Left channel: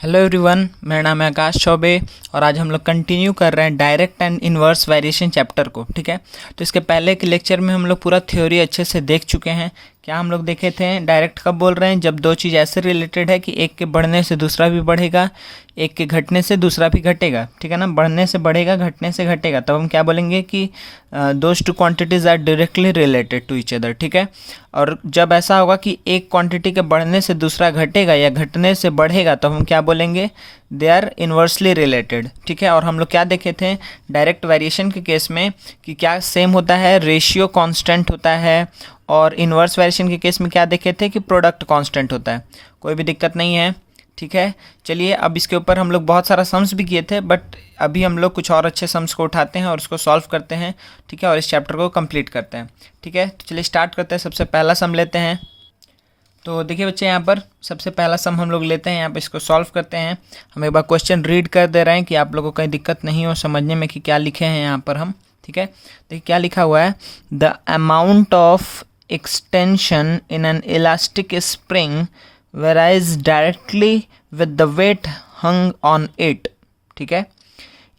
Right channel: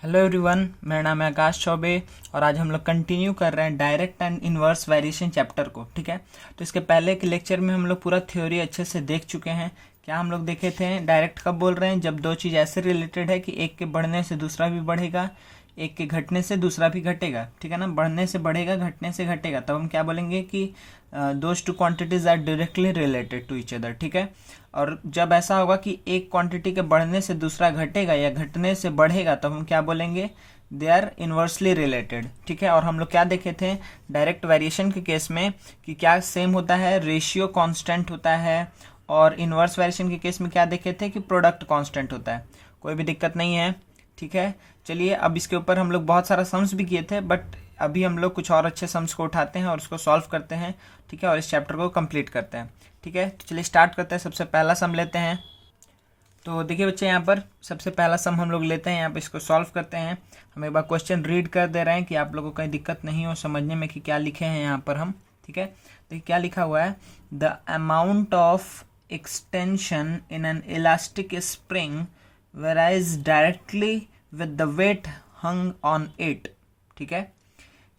Hello everyone, मेरा नाम है आकाश चौबे और आज हम लोग कंटिन्यू कर रहे हैं direct and inverse variation chapter को। ठीक है, तो इसके पहले के लेक्चर में हम लोग पूरा थ्योरी अच्छे से देख चुके हैं। क्या हम लोग देखे थे? डायरेक्ट कब बोल रहे हैं? जब दो चीज़ ऐसे रिलेटेड है कि एक के बढ़ने से दूसरा भी बढ़ेगा, एक के घटने से दूसरा भी घटेगा। ठीक है ना, बढ़ने से बढ़ेगा, घटने से घटेगा, तब हम क्या बोलेंगे कि those two quantities are directly related to each other. ठीक है, और जब ऐसा होगा कि एक क्वांटिटी के बढ़ने से दूसरा घटेगा या घटने से बढ़ेगा तो हम क्या बोलेंगे? They are inversely related. ठीक है, और हम लोग क्या देखे थे डायरेक्ट वेरिएशन के केस में कि क्या सेम होता है, रेशियो कांस्टेंट होता है, और इन्वर्स वेरिएशन के केस में क्या देखे थे कि प्रोडक्ट कांस्टेंट होता है। कोई भी दिक्कत नहीं है। ठीक है, चलिए अब इसके ऊपर हम लोग बहुत सारा सम्स भी किए थे, बट अभी हम लोग कुछ और अच्छे सम्स को उठाते हैं और उसको सॉल्व करते हैं। ठीक है, और इस चैप्टर को कंप्लीट करते हैं। ठीक है, तो चलिए स्टार्ट करते हैं। सबसे पहला सम लेते हैं। तो देखिए बच्चे, यहाँ पर सबसे पहला सम हम लोग लेते हैं, यहाँ पर इसको सॉल्व करते हैं। हम एक बार क्वेश्चन रीड कर दे रहे हैं कि आप लोगों को कहीं दिक्कत नहीं हो समझने में कि क्या लिखे हैं यहाँ पर हम। ठीक है, देखिए क्या लिखा हुआ है। The amount of extension in an elastic spring varies directly with the weight hung on it. ठीक है,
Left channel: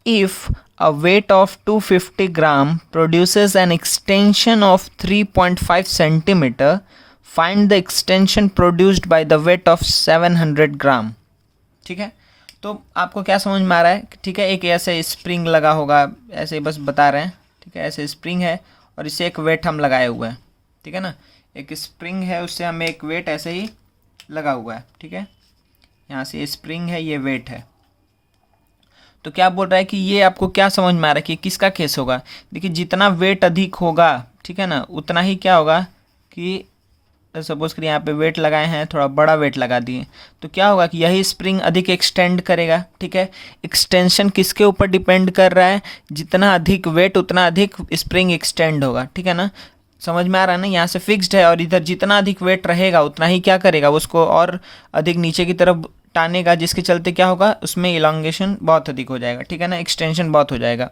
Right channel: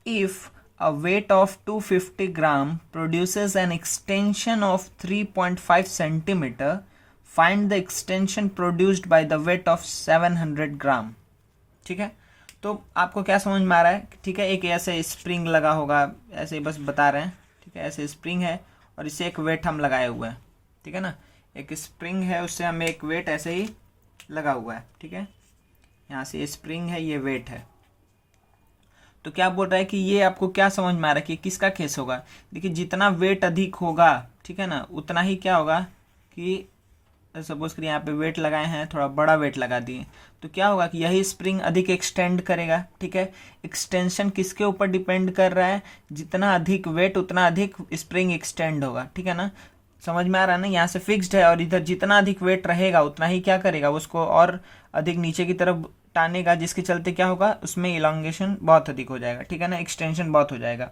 if a weight of 250 gram produces an extension of 3.5 centimeter, find the extension produced by the weight of 700 gram. ठीक है, तो आपको क्या समझ में आ रहा है? ठीक है, एक ऐसे स्प्रिंग लगा होगा, ऐसे ही बस बता रहे हैं। ठीक है, ऐसे स्प्रिंग है और इसे एक वेट हम लगाए हुए हैं। ठीक है ना, एक स्प्रिंग है, उससे हमें एक वेट ऐसे ही लगा हुआ है। ठीक है, यहाँ से स्प्रिंग है, ये वेट है। तो क्या बोल रहा है कि ये आपको क्या समझ में आ रहा है कि किसका केस होगा? देखिए, जितना वेट अधिक होगा, ठीक है ना, उतना ही क्या होगा कि सपोज करिए यहाँ पे वेट लगाए हैं, थोड़ा बड़ा वेट लगा दिए, तो क्या होगा कि यही स्प्रिंग अधिक एक्सटेंड करेगा। ठीक है, एक्सटेंशन किसके ऊपर डिपेंड कर रहा है? जितना अधिक वेट उतना अधिक स्प्रिंग एक्सटेंड होगा। ठीक है ना, समझ में आ रहा है ना? यहाँ से फिक्स्ड है और इधर जितना अधिक वेट रहेगा उतना ही क्या करेगा, उसको और अधिक नीचे की तरफ टानेगा, जिसके चलते क्या होगा, उसमें इलांगेशन बहुत अधिक हो जाएगा। ठीक है ना, एक्सटेंशन बहुत हो जाएगा।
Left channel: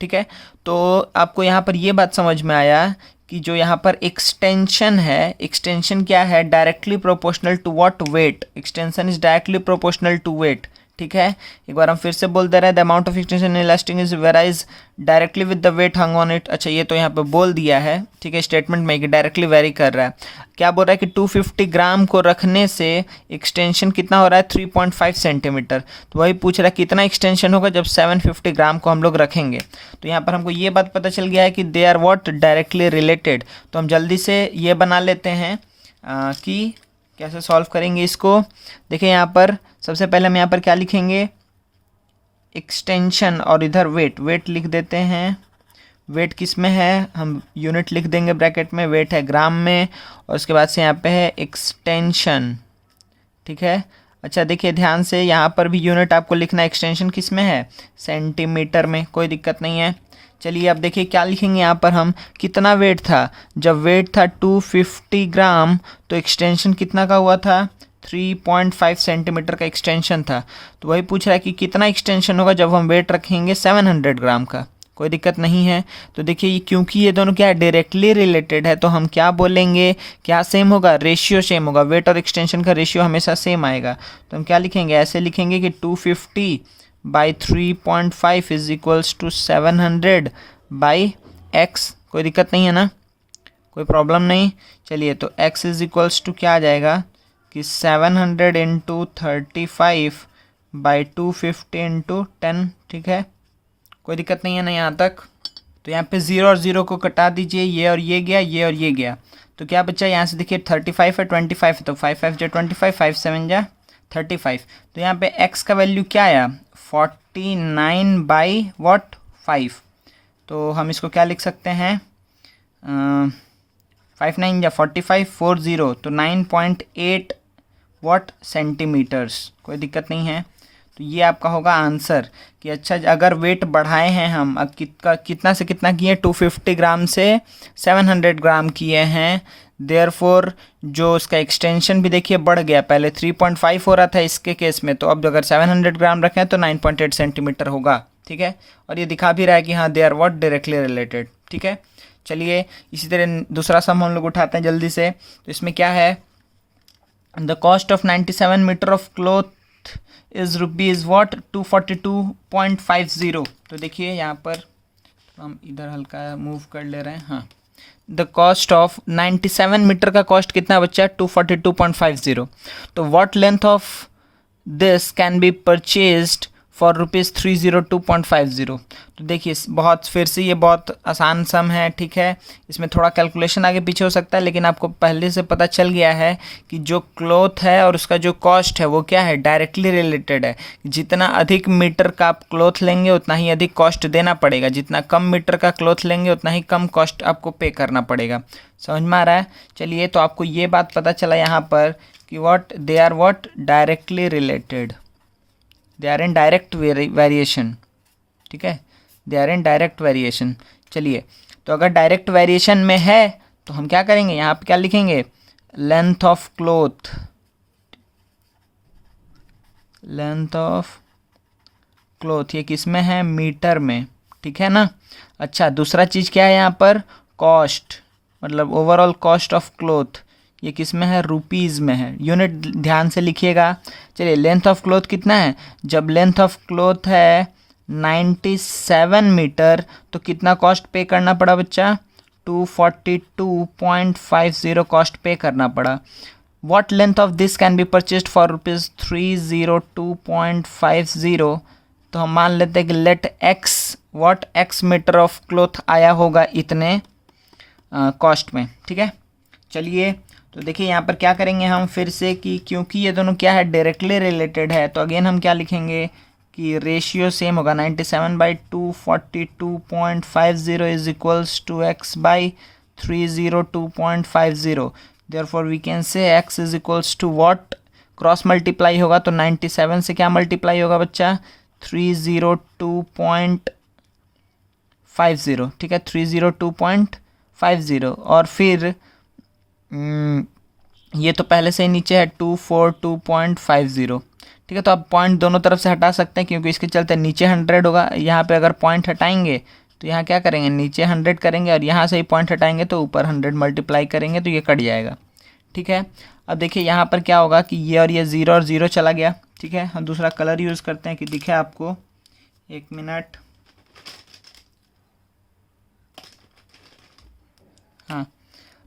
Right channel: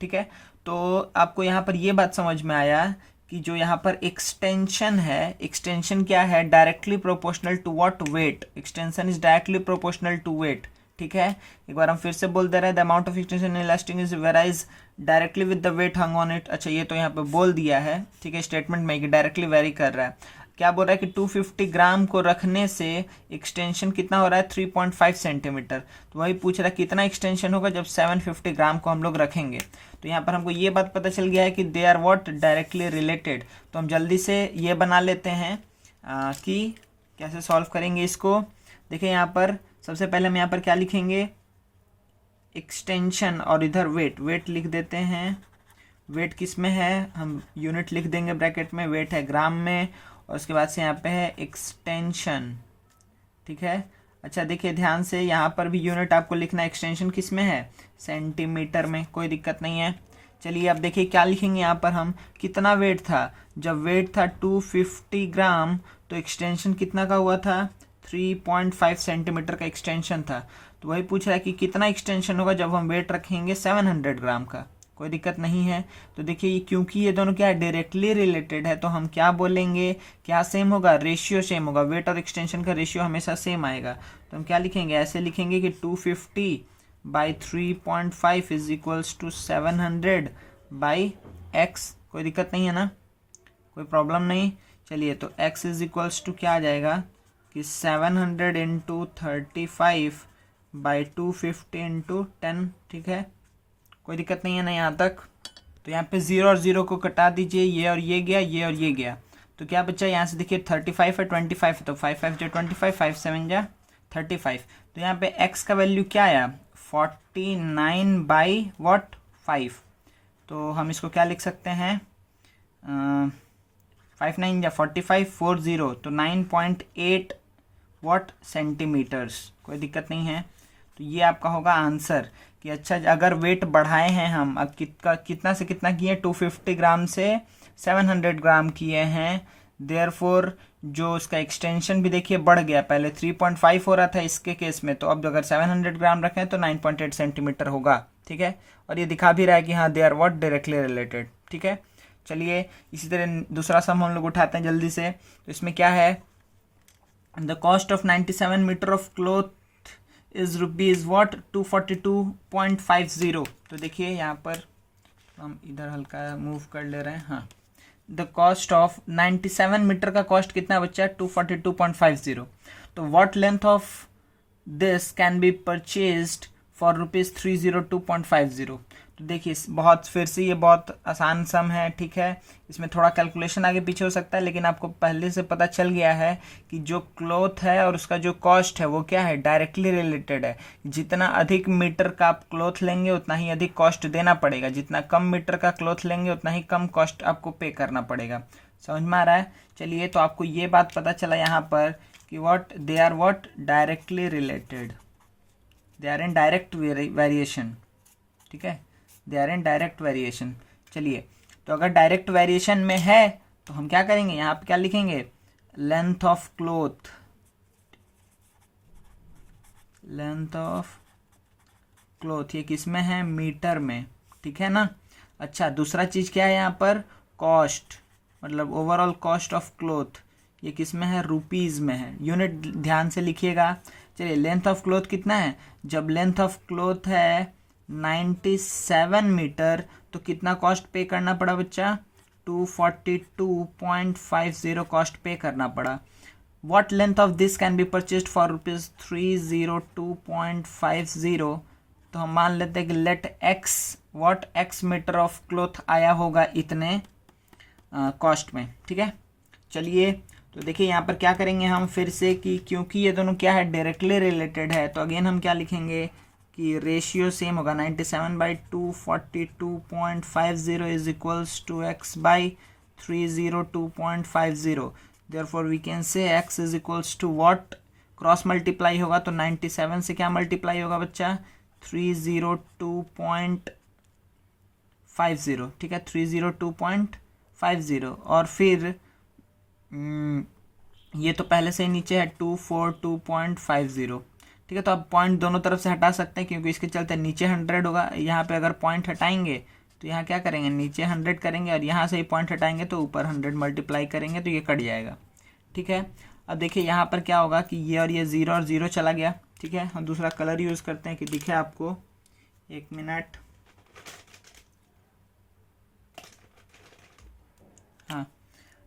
ठीक है, तो आपको यहाँ पर ये बात समझ में आया कि जो यहाँ पर एक्सटेंशन है, एक्सटेंशन क्या है? Directly proportional to what? Weight. Extension is directly proportional to weight. ठीक है, एक बार हम फिर से बोल दे रहे हैं, the amount of extension in elastic is varies directly with the weight hung on it. अच्छा, ये तो यहाँ पे बोल दिया है। ठीक है, स्टेटमेंट में कि डायरेक्टली वेरी कर रहा है। क्या बोल रहा है कि 250 ग्राम को रखने से एक्सटेंशन कितना हो रहा है? 3.5 सेंटीमीटर। तो वही पूछ रहा है कितना एक्सटेंशन होगा जब 750 ग्राम को हम लोग रखेंगे। तो यहाँ पर हमको ये बात पता चल गया है कि they are what? Directly related. तो हम जल्दी से ये बना लेते हैं कि कैसे सॉल्व करेंगे इसको। देखिए यहाँ पर सबसे पहले हम यहाँ पर क्या लिखेंगे? एक्सटेंशन और इधर वेट। वेट लिख देते हैं। वेट किस में है? हम यूनिट लिख देंगे ब्रैकेट में। वेट है ग्राम में, और उसके बाद से यहाँ पे है एक्सटेंशन। ठीक है, अच्छा देखिए ध्यान से, यहाँ पर भी यूनिट आपको लिखना है। एक्सटेंशन किस में है? सेंटीमीटर में। कोई दिक्कत नहीं है। चलिए अब देखिए क्या लिखेंगे यहाँ पर हम। कितना वेट था? जब वेट था 250 ग्राम तो एक्सटेंशन कितना का हुआ था? 3.5 सेंटीमीटर का एक्सटेंशन था। तो वही पूछ रहा है कि कितना एक्सटेंशन होगा जब हम वेट रखेंगे 700 ग्राम का। कोई दिक्कत नहीं है। तो देखिए ये, क्योंकि ये दोनों क्या है, डायरेक्टली रिलेटेड है, तो हम क्या बोलेंगे? क्या सेम होगा? रेशियो सेम होगा। वेट और एक्सटेंशन का रेशियो हमेशा सेम आएगा। तो हम क्या लिखेंगे? ऐसे लिखेंगे कि 250 by 3.5 is equals to 700 by x. कोई दिक्कत नहीं है ना, कोई प्रॉब्लम नहीं। चलिए, तो x इज इक्वल्स टू क्या आ जाएगा कि 700 इंटू 35 बाई 250 इंटू 10। ठीक है, कोई दिक्कत नहीं है ना यहाँ तक? तो यहाँ पे 0 और 0 को कटा दीजिए, ये और ये गया, ये और ये गया, तो क्या बच्चा? यहाँ से देखिए 35 है, 25 है, तो 5 5 जा 25, 5 7 जा 35। तो यहाँ पे x का वैल्यू क्या आया? 49 बाई वॉट? 5। तो हम इसको क्या लिख सकते हैं? 5 9 या 45, 40, तो 9.8 वॉट? सेंटीमीटर्स। कोई दिक्कत नहीं है। तो ये आपका होगा आंसर कि अच्छा, अगर वेट बढ़ाए हैं हम, अब कितना से कितना किए? 250 ग्राम से 700 ग्राम किए हैं। देयरफॉर जो उसका एक्सटेंशन भी देखिए बढ़ गया। पहले 3.5 हो रहा था इसके केस में, तो अब अगर 700 ग्राम रखें तो 9.8 सेंटीमीटर होगा। ठीक है, और ये दिखा भी रहा है कि हाँ, they are what? Directly related. ठीक है, चलिए इसी तरह दूसरा सम हम लोग उठाते हैं जल्दी से। तो इसमें क्या है? The cost of 97 metre of cloth cloth is rupees what 242.50। तो देखिए यहाँ पर हम इधर हल्का मूव कर ले रहे हैं। हाँ, द कॉस्ट ऑफ 97 मीटर का कॉस्ट कितना बच्चा 242.50। तो what length of this can be purchased for rupees 302.50। तो देखिए बहुत फिर से ये बहुत आसान सम है, ठीक है। इसमें थोड़ा कैलकुलेशन आगे पीछे हो सकता है, लेकिन आपको पहले से पता चल गया है कि जो क्लॉथ है और उसका जो कॉस्ट है वो क्या है, डायरेक्टली रिलेटेड है। जितना अधिक मीटर का आप क्लॉथ लेंगे उतना ही अधिक कॉस्ट देना पड़ेगा, जितना कम मीटर का क्लॉथ लेंगे उतना ही कम कॉस्ट आपको पे करना पड़ेगा। समझ में आ रहा है? चलिए, तो आपको ये बात पता चला यहाँ पर कि what they are what directly related, they are in direct variation, ठीक है, they are in direct variation. चलिए, तो अगर डायरेक्ट वेरिएशन में है तो हम क्या करेंगे, यहाँ पे क्या लिखेंगे, length of cloth, length of cloth, ये किस में है, मीटर में, ठीक है ना। अच्छा, दूसरा चीज़ क्या है यहाँ पर, कॉस्ट, मतलब ओवरऑल कॉस्ट ऑफ क्लॉथ, ये किस में है, रुपीज़ में है। यूनिट ध्यान से लिखिएगा। चलिए, लेंथ ऑफ क्लॉथ कितना है, जब लेंथ ऑफ क्लॉथ है 97 मीटर तो कितना कॉस्ट पे करना पड़ा बच्चा, 242.50 कॉस्ट पे करना पड़ा। What length of this can be purchased for rupees 302.50। तो हम मान लेते हैं कि let x, what x metre of cloth आया होगा इतने कॉस्ट में, ठीक है। चलिए, तो देखिए यहाँ पर क्या करेंगे हम फिर से कि क्योंकि ये दोनों क्या है, डायरेक्टली रिलेटेड है, तो अगेन हम क्या लिखेंगे कि रेशियो सेम होगा, 97/242.50 is equals to x by 302.50। Therefore we can say x is equals to what, cross multiply होगा तो 97 से क्या मल्टीप्लाई होगा बच्चा, 302.50, ठीक है, 302.50। और फिर ये तो पहले से ही नीचे है 242.50, ठीक है। तो आप पॉइंट दोनों तरफ से हटा सकते हैं क्योंकि इसके चलते नीचे 100 होगा। यहाँ पे अगर पॉइंट हटाएंगे तो यहाँ क्या करेंगे, नीचे 100 करेंगे और यहाँ से ही पॉइंट हटाएंगे तो ऊपर 100 मल्टीप्लाई करेंगे तो ये कट जाएगा, ठीक है। अब देखिए यहाँ पर क्या होगा कि ये और ये 0 और 0 चला गया, ठीक है। हम दूसरा कलर यूज़ करते हैं कि दिखे आपको, 1 मिनट। हाँ,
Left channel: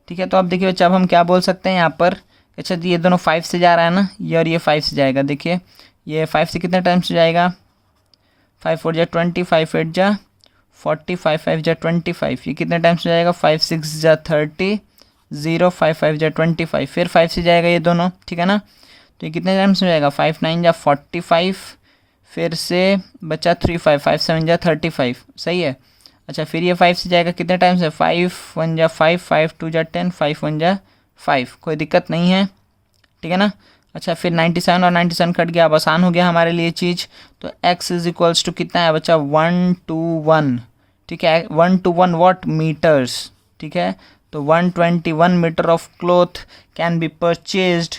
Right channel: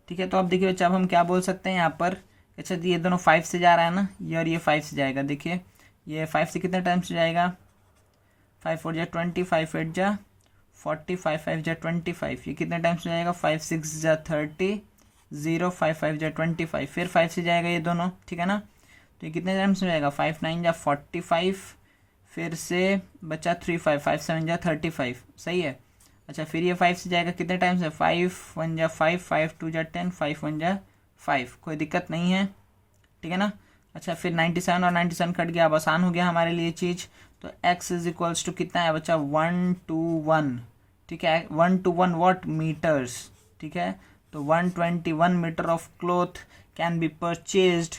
ठीक है। तो अब देखिए बच्चा, अब हम क्या बोल सकते हैं यहाँ पर, अच्छा ये दोनों 5 से जा रहा है ना, ये और ये 5 से जाएगा। देखिए ये 5 से कितने टाइम्स से जाएगा, 5 4 जा 20, 5 8 जा 40, 5 5 जा 25, ये कितने टाइम्स से जाएगा, 5 6 जा 30, 0 5 5 जा 25, फिर 5 से जाएगा ये दोनों, ठीक है ना। तो ये कितने टाइम्स में जाएगा, 5 9 जा 45, फिर से बचा 3 5 5 7 जा 35, सही है। अच्छा, फिर ये 5 से जाएगा कितने टाइम से, 5 1 जा 5, 5 2 जा 10, 5 1 जा 5, कोई दिक्कत नहीं है, ठीक है ना। अच्छा, फिर 97 और 97 कट गया, अब आसान हो गया हमारे लिए चीज़। तो x इज इक्वल्स टू कितना है बच्चा, 1 to 1, ठीक है, 1 to 1 वॉट, मीटर्स, ठीक है। तो 121 metre of cloth can be purchased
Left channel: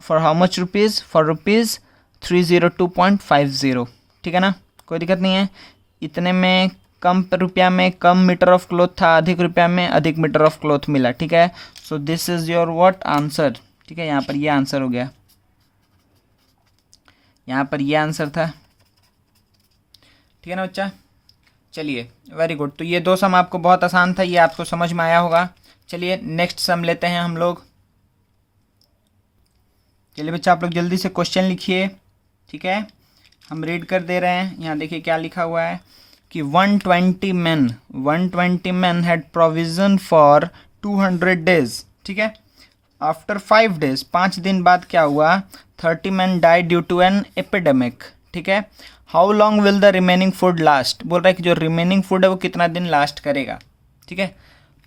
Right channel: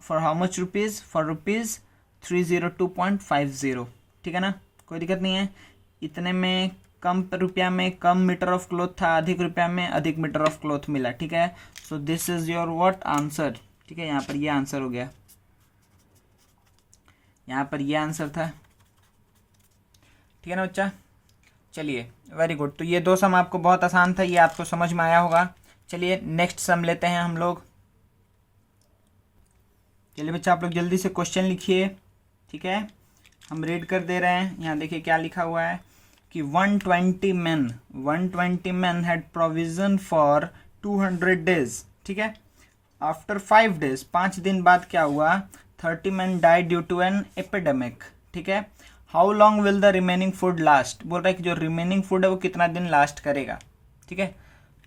for how much rupees, for rupees 302.50, ठीक है ना, कोई दिक्कत नहीं है। इतने में कम रुपया में कम मीटर ऑफ क्लॉथ था, अधिक रुपया में अधिक मीटर ऑफ क्लॉथ मिला, ठीक है। So this is your what answer, ठीक है। यहाँ पर ये आंसर हो गया, यहाँ पर ये आंसर था, ठीक है ना बच्चा। चलिए, वेरी गुड। तो ये दो सम आपको बहुत आसान था, ये आपको समझ में आया होगा। चलिए नेक्स्ट सम लेते हैं हम लोग। चलिए बच्चा, आप लोग जल्दी से क्वेश्चन लिखिए, ठीक है, हम रीड कर दे रहे हैं। यहाँ देखिए क्या लिखा हुआ है कि 120 men had provision for 200 days, ठीक है। आफ्टर 5 days, 5 दिन बाद क्या हुआ, 30 men died due to an epidemic, ठीक है। How long will the remaining food last, बोल रहा है कि जो रिमेनिंग फूड है वो कितना दिन लास्ट करेगा, ठीक है।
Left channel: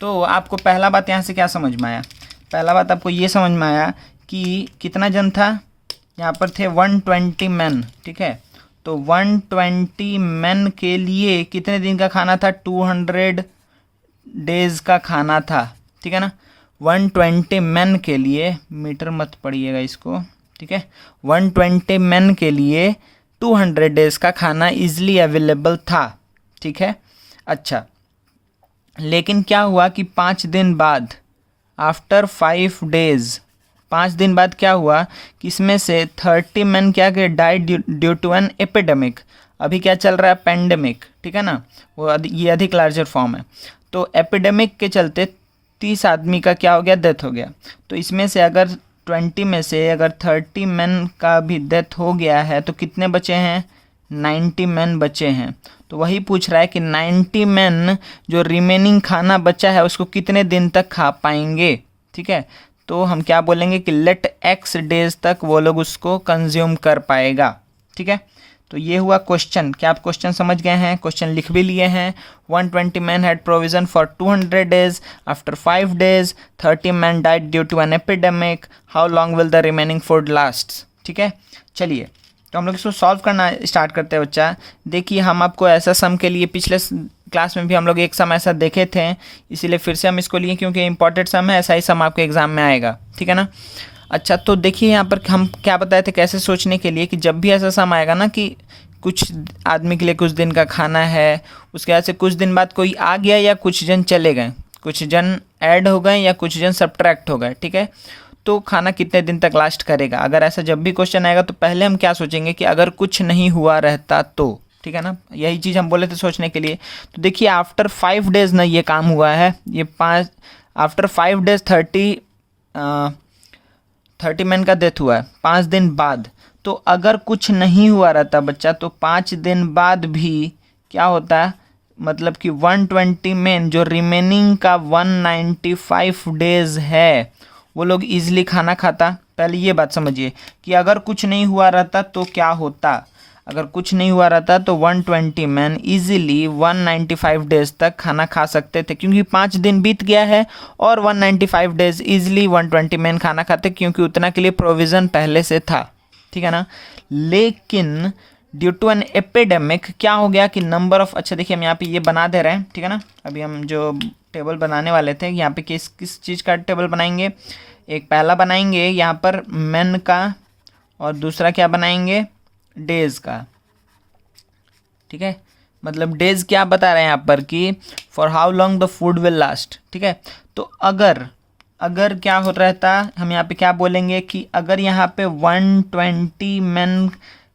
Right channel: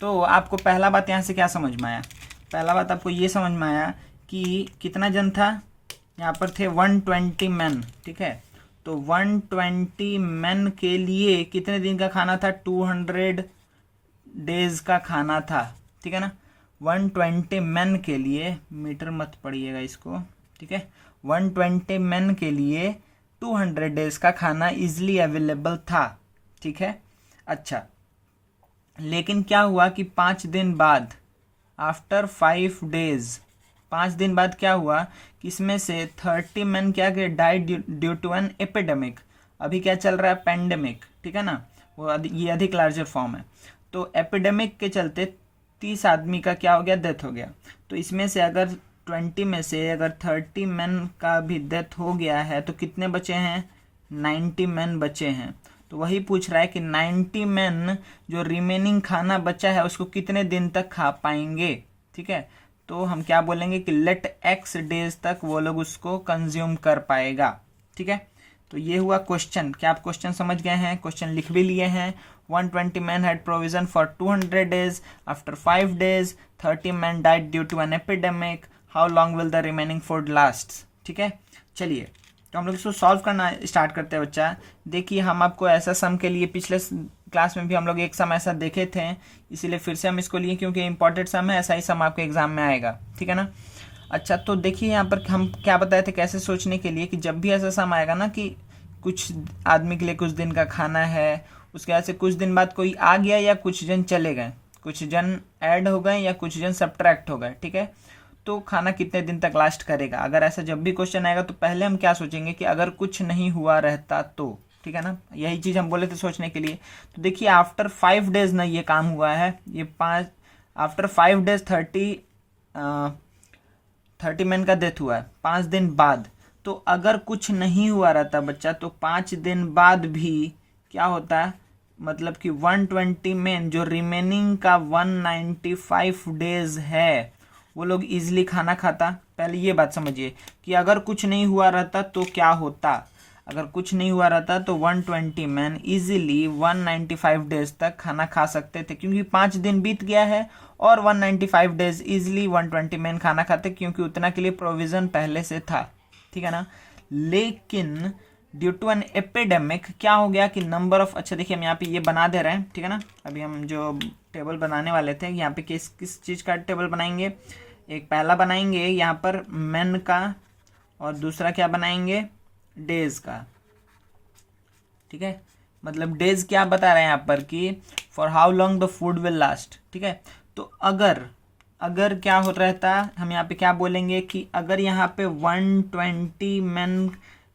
तो आपको पहला बात यहाँ से क्या समझ में आया, पहला बात आपको ये समझ में आया कि कितना जन था, यहाँ पर थे 120 men, ठीक है। तो 120 men के लिए कितने दिन का खाना था, 200 डेज का खाना था, ठीक है ना। 120 men के लिए, मीटर मत पढ़िएगा इसको, ठीक है, 120 men के लिए 200 डेज का खाना इजीली अवेलेबल था, ठीक है। अच्छा, लेकिन क्या हुआ कि 5 दिन बाद, आफ्टर 5 days, 5 दिन बाद क्या हुआ कि इसमें से 30 मैन क्या कि died due to an epidemic. अभी क्या चल रहा है, पेंडेमिक, ठीक है ना, वो ये अधिक लार्जर फॉर्म है। तो एपिडेमिक के चलते 30 आदमी का क्या हो गया, डेथ हो गया। तो इसमें से अगर 20 में से अगर 30 मैन का भी डेथ हो गया है तो कितने बचे हैं, 90 मैन बचे हैं। तो वही पूछ रहा है कि 90 मैन जो रिमेनिंग खाना बचा है उसको कितने दिन तक खा पाएंगे, ठीक है। तो हम क्या बोलेंगे कि लेट एक्स डेज तक वो लोग उसको कंज्यूम कर पाएगा, ठीक है। तो ये हुआ क्वेश्चन। क्या आप क्वेश्चन समझ गए हैं, क्वेश्चन लिख भी लिए हैं। 120 man had provision for 200 days, after 5 days 30 man died due to an epidemic, how long will the remaining food last, ठीक है। चलिए तो हम लोग इसको सॉल्व करना स्टार्ट करते हैं बच्चा। देखिए हम आपको ऐसा सम के लिए पिछले क्लास में भी हम लोग एक सम ऐसा देखे थे, इसीलिए फिर से हम इसको लिए क्योंकि इंपॉर्टेंट सम है, ऐसा ही सम आपके एग्जाम में आएगा, ठीक है ना। अच्छा तो देखिए यहाँ पर हम क्या बताए थे कैसे सोचने के लिए कि जब भी ऐसा सम आएगा ना कि कुछ आदमी के लिए कुछ दिन का खाना है, उसके बाद से कुछ दिन बाद कोई आ गया या कुछ जन चले गए, कुछ जन ऐड हो गए या कुछ जन सब्ट्रैक्ट हो गए, ठीक है, तो खाना कितने दिन तक लास्ट करेगा। अगर ऐसा जब भी क्वेश्चन आएगा तो पहले हम क्या सोचेंगे कि अगर कुछ नहीं हुआ रहता तो, ठीक है ना, यही चीज़ हम बोले थे सोचने के लिए। तो देखिए आफ्टर 5 डेज ना ये काम हुआ है, ये आफ्टर 5 डेज 30 मैन का डेथ हुआ है 5 दिन बाद। तो अगर कुछ नहीं हुआ रहता बच्चा तो 5 दिन बाद भी क्या होता है, मतलब कि 120 मैन जो रिमेनिंग का 195 डेज है वो लोग इजीली खाना खाता। पहले ये बात समझिए कि अगर कुछ नहीं हुआ रहता तो क्या होता, अगर कुछ नहीं हुआ रहता तो 120 मैन इजीली 195 डेज तक खाना खा सकते थे, क्योंकि 5 दिन बीत गया है और 195 डेज इजीली 120 मैन खाना खाते क्योंकि उतना के लिए प्रोविज़न पहले से था, ठीक है ना। लेकिन ड्यू टू एन एपिडेमिक क्या हो गया कि नंबर ऑफ, अच्छा देखिए हम यहाँ पे ये बना दे रहे हैं, ठीक है ना। अभी हम जो टेबल बनाने वाले थे यहाँ पे किस किस चीज़ का टेबल बनाएंगे, एक पहला बनाएंगे यहाँ पर मैन का और दूसरा क्या बनाएंगे, डेज का, ठीक है। मतलब डेज क्या बता रहे हैं यहाँ पर कि for how long the food will last, ठीक है। तो अगर क्या हो रहता, हम यहाँ पे क्या बोलेंगे कि अगर यहाँ पे 120 मैन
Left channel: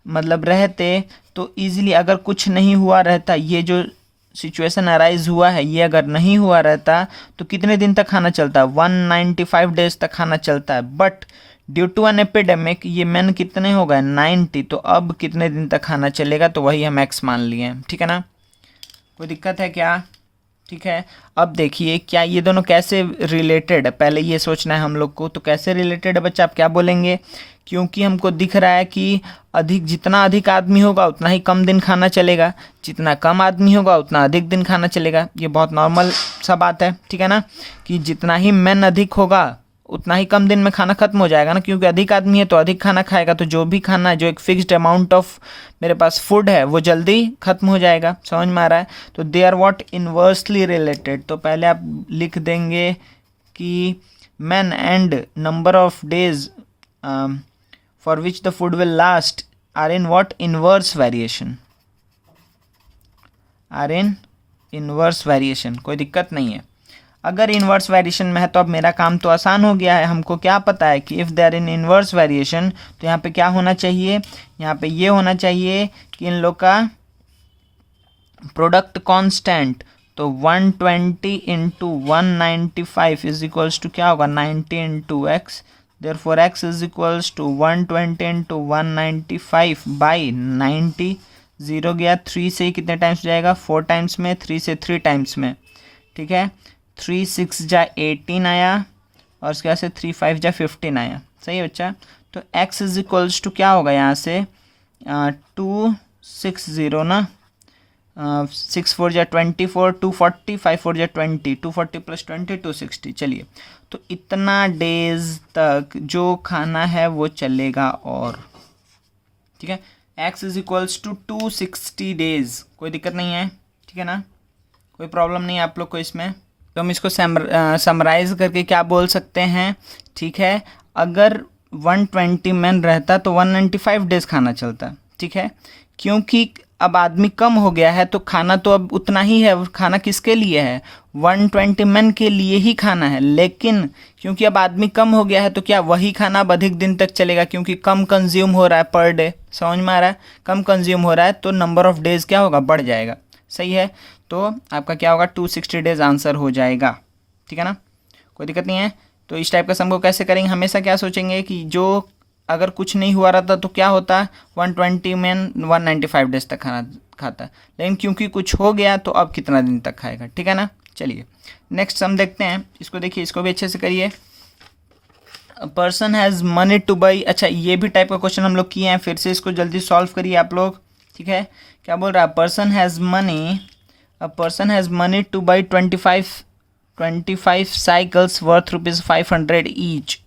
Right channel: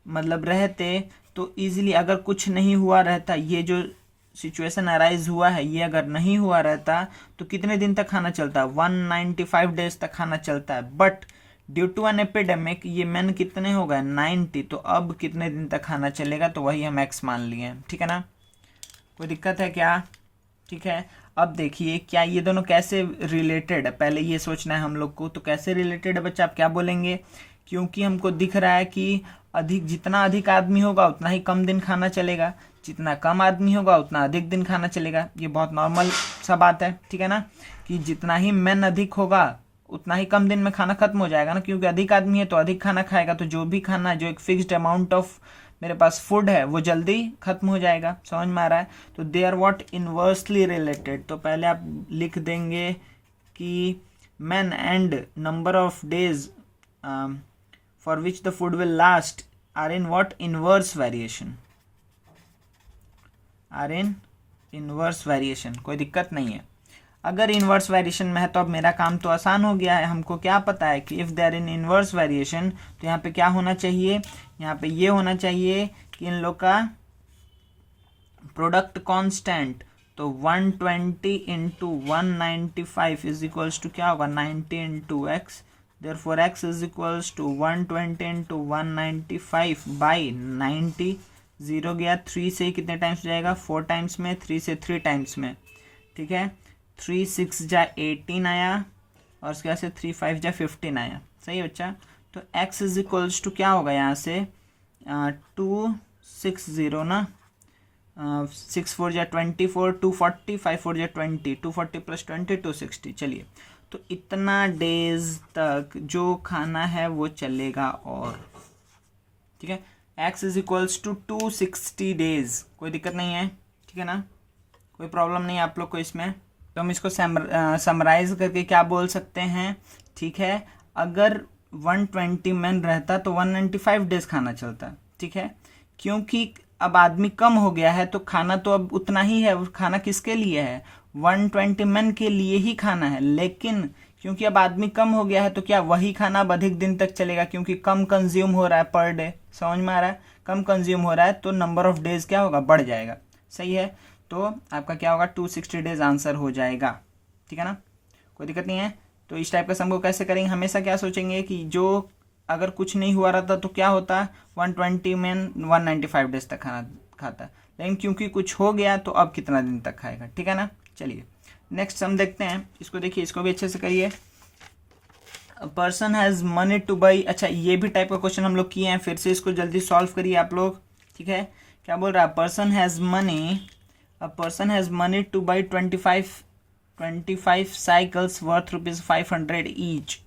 मतलब रहते तो इजीली, अगर कुछ नहीं हुआ रहता, ये जो सिचुएशन अराइज हुआ है ये अगर नहीं हुआ रहता तो कितने दिन तक खाना चलता है, 195 डेज तक खाना चलता है। But due to an epidemic ये मैन कितने हो गए, 90, तो अब कितने दिन तक खाना चलेगा, तो वही हम एक्स मान लिए हैं, ठीक है ना। कोई दिक्कत है क्या, ठीक है। अब देखिए क्या ये दोनों कैसे रिलेटेड है, पहले ये सोचना है हम लोग को। तो कैसे रिलेटेड है बच्चा, आप क्या बोलेंगे, क्योंकि हमको दिख रहा है कि जितना अधिक आदमी होगा उतना ही कम दिन खाना चलेगा, जितना कम आदमी होगा उतना अधिक दिन खाना चलेगा। ये बहुत नॉर्मल सा बात है, ठीक है ना, कि जितना ही मैन अधिक होगा उतना ही कम दिन में खाना खत्म हो जाएगा ना, क्योंकि अधिक आदमी है तो अधिक खाना खाएगा, तो जो भी खाना, जो एक फिक्स्ड अमाउंट ऑफ मेरे पास फूड है वो जल्दी खत्म हो जाएगा। समझ में आ रहा है। तो they are what inversely related. तो पहले आप लिख देंगे कि man and number of days for which the food will last are in what, inverse variation, are in inverse variation. कोई दिक्कत नहीं है। अगर इन्वर्स वेरिएशन में है तो अब मेरा काम तो आसान हो गया है। हमको क्या पता है कि if they are in inverse variation तो यहाँ पे क्या होना चाहिए, यहाँ पे ये होना चाहिए कि इन लोग का प्रोडक्ट कांस्टेंट, तो 120 इंटू 195 इज इक्वल्स टू क्या होगा, 90 into x. Therefore x is equals to 120 into 195 by 90। Zero गया, 3 से कितने टाइम्स जाएगा, 4 टाइम्स में, 3 से 3 टाइम्स में, ठीक है। 3 6 जा 18 आया और उसके बाद से 3 5 जा 15 आया। सही है बच्चा। तो x इज इक्वल्स टू क्या होगा यहाँ से 260 ना, 6 4 जा 24, 240, 5 4 जा 20, 240 प्लस 20 260। चलिए तो इतना डेज तक जो खाना है वो चलेगा और, ठीक है। x is equals to 260 days. कोई दिक्कत नहीं है, ठीक है ना, कोई प्रॉब्लम नहीं है आप लोग को इसमें। तो हम इसको समराइज करके क्या बोल सकते हैं, ठीक है। अगर 120 मैन रहता तो 195 डेज खाना चलता, ठीक है, क्योंकि अब आदमी कम हो गया है तो खाना तो अब उतना ही है, खाना किसके लिए है, 120 मैन के लिए ही खाना है। लेकिन क्योंकि अब आदमी कम हो गया है तो क्या वही खाना अब अधिक दिन तक चलेगा, क्योंकि कम कंज्यूम हो रहा है पर डे, समझ में आ रहा है, कम कंज्यूम हो रहा है तो नंबर ऑफ डेज क्या होगा, बढ़ जाएगा। सही है, तो आपका क्या होगा, 260 डेज आंसर हो जाएगा। ठीक है ना, कोई दिक्कत नहीं है। तो इस टाइप का सम को कैसे करेंगे, हमेशा क्या सोचेंगे कि जो अगर कुछ नहीं हुआ रहता तो क्या होता, 120 में 195 डेज तक खाना खाता, लेकिन क्योंकि कुछ हो गया तो अब कितना दिन तक खाएगा। ठीक है ना, चलिए नेक्स्ट सम देखते हैं। इसको देखिए, इसको भी अच्छे से करिए। Person has money two by, अच्छा ये भी टाइप का क्वेश्चन हम लोग किए हैं, फिर से इसको जल्दी सॉल्व करिए आप लोग। ठीक है, क्या बोल रहा है, person has money two by 25 cycles worth ₹500 each.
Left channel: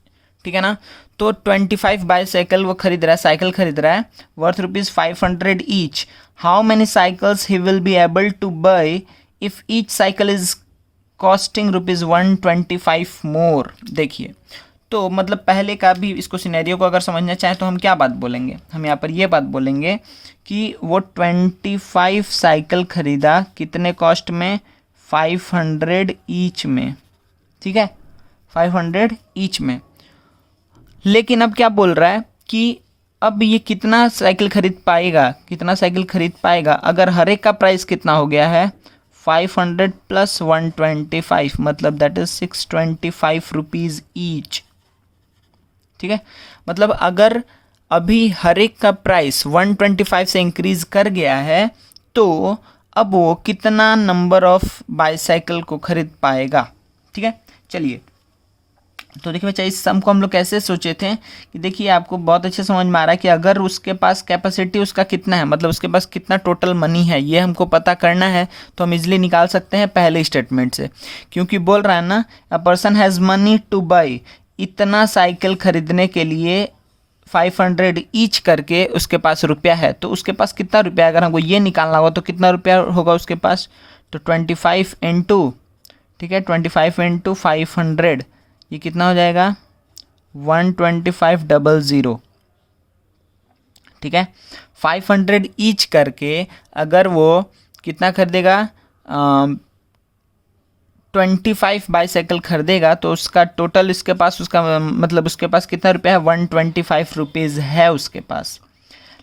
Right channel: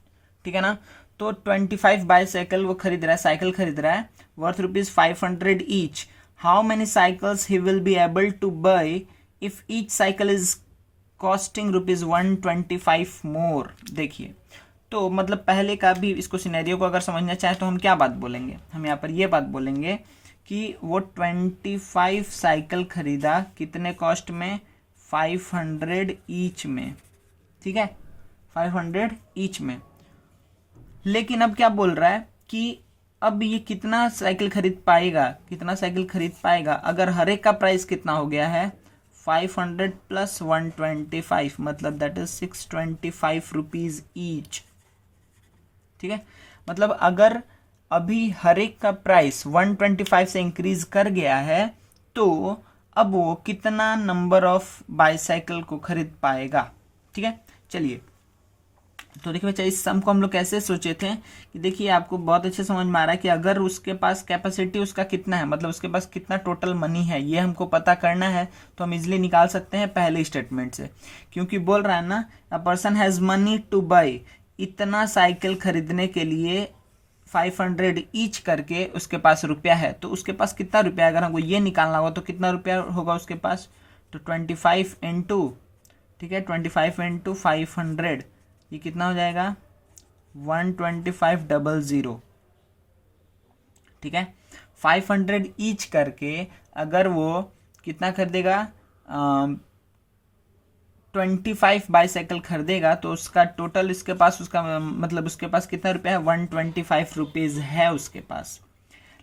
ठीक है ना, तो 25 बाईसाइकिल वो खरीद रहा है, साइकिल खरीद रहा है worth ₹500 each. How many cycles he will be able two by if each cycle is costing ₹125 मोर। देखिए, तो मतलब पहले का भी इसको सिनेरियो को अगर समझना चाहें तो हम क्या बात बोलेंगे, हम यहाँ पर ये बात बोलेंगे कि वो 25 साइकिल खरीदा, कितने कॉस्ट में, 500 ईच में। ठीक है, 500 ईच में। लेकिन अब क्या बोल रहा है कि अब ये कितना साइकिल खरीद पाएगा, अगर हर एक का प्राइस कितना हो गया है, 500 प्लस 125, मतलब दैट इज 625 रुपीज़ ईच। ठीक है, मतलब अगर अभी हर एक का प्राइस 125 से इंक्रीज कर गया है तो अब वो कितना नंबर ऑफ बाईसाइकिल को खरीद पाएगा। ठीक है, चलिए तो देखिए बच्चा, इस सम को हम लोग कैसे सोचे थे कि देखिए आपको बहुत अच्छे समझ में आ रहा है कि अगर उसके पास कैपेसिटी उसका कितना है, मतलब उसके पास कितना टोटल मनी है, ये हमको पता करना है तो हम इजीली निकाल सकते हैं पहले स्टेटमेंट से। क्योंकि बोल रहा है ना, a person has money two by, इतना साइकिल खरीदने के लिए 500 ईच करके उसके पास रुपया है, तो उसके पास कितना रुपया है, अगर हमको ये निकालना होगा तो कितना रुपया होगा उसके पास, तो 25 इंटू, ठीक है 25 इंटू 500, ये कितना हो जाएगा, 125,000। ठीक है, 500 ईच करके अगर वो कितना खरीदेगा, 25 बाईसाइकिल खरीदेगा तो उसका टोटल इसके पास, उसका मतलब उसके पास कितना रुपया है, 125 रुपीज़ है उसके पास।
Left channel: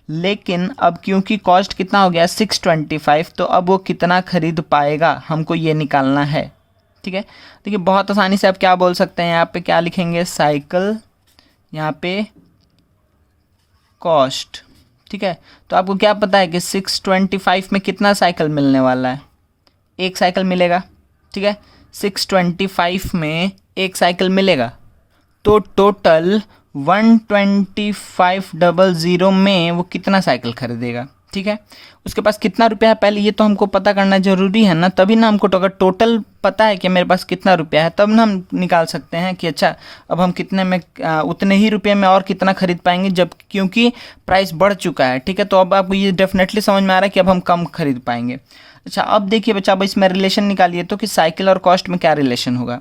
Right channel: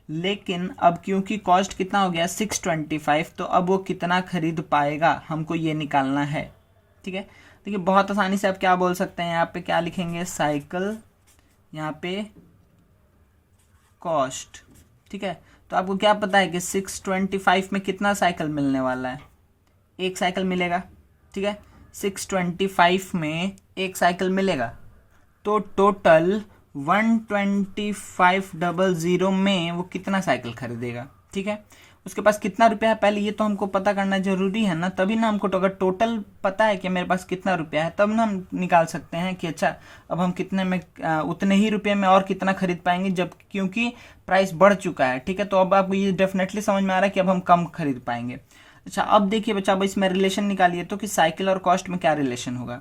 लेकिन अब क्योंकि कॉस्ट कितना हो गया, 625, तो अब वो कितना खरीद पाएगा, हमको ये निकालना है। ठीक है, देखिए बहुत आसानी से आप क्या बोल सकते हैं, यहाँ पे क्या लिखेंगे, साइकिल, यहाँ पे कॉस्ट। ठीक है, तो आपको क्या पता है कि 625 में कितना साइकिल मिलने वाला है, एक साइकिल मिलेगा। ठीक है, 625 में एक साइकिल मिलेगा, तो टोटल 125,000 में वो कितना साइकिल खरीदेगा। ठीक है, उसके पास कितना रुपया है, पहले ये तो हमको पता करना जरूरी है ना, तभी ना हमको, तो अगर टोटल पता है कि मेरे पास कितना रुपया है तब ना हम निकाल सकते हैं कि अच्छा अब हम कितने में, उतने ही रुपये में और कितना खरीद पाएंगे, जब क्योंकि प्राइस बढ़ चुका है। ठीक है, तो अब आपको ये डेफिनेटली समझ में आ रहा है कि अब हम कम खरीद पाएंगे। अच्छा, अब देखिए बच्चा, अब इसमें रिलेशन निकालिए तो कि साइकिल और कॉस्ट में क्या रिलेशन होगा।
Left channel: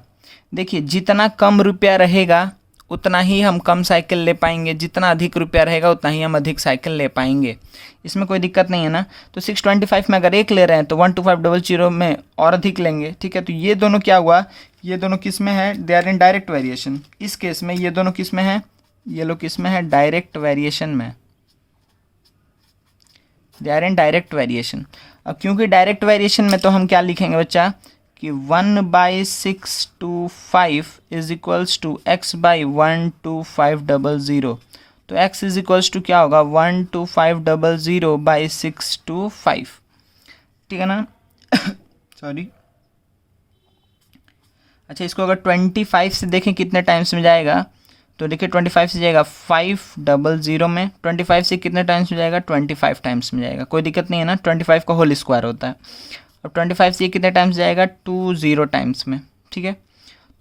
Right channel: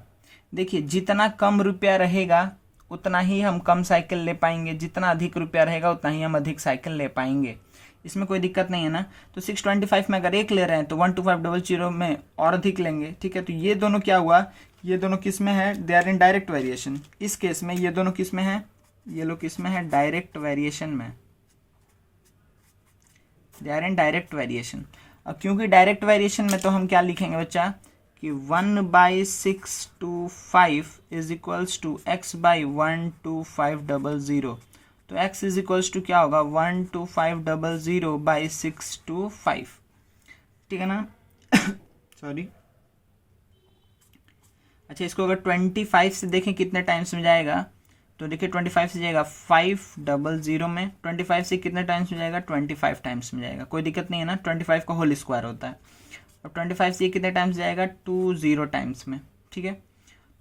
देखिए, जितना कम रुपया रहेगा उतना ही हम कम साइकिल ले पाएंगे, जितना अधिक रुपया रहेगा उतना ही हम अधिक साइकिल ले पाएंगे, इसमें कोई दिक्कत नहीं है ना। तो 625 में अगर एक ले रहे हैं तो 12500 में और अधिक लेंगे। ठीक है, तो ये दोनों क्या हुआ, ये दोनों किस में है, they are in direct variation. इस केस में ये दोनों किस में है, ये लोग किस में है, डायरेक्ट वेरिएशन में, they are in direct variation. अब क्योंकि डायरेक्ट वेरिएशन में तो हम क्या लिखेंगे बच्चा कि 1/625 is equals to x by 12500, तो x इज इक्वल्स टू क्या होगा, 12500 बाई 625। ठीक है ना सॉरी। अच्छा, इसको अगर 25 से देखें कितने टाइम्स में जाएगा, तो देखिए 25 से जाएगा 500 में, 25 से कितने टाइम्स में जाएगा, 25 टाइम्स में जाएगा, कोई दिक्कत नहीं है ना, 25 का होल स्क्वायर होता है। अब 25 से ये कितने टाइम्स जाएगा, 20 टाइम्स में। ठीक है,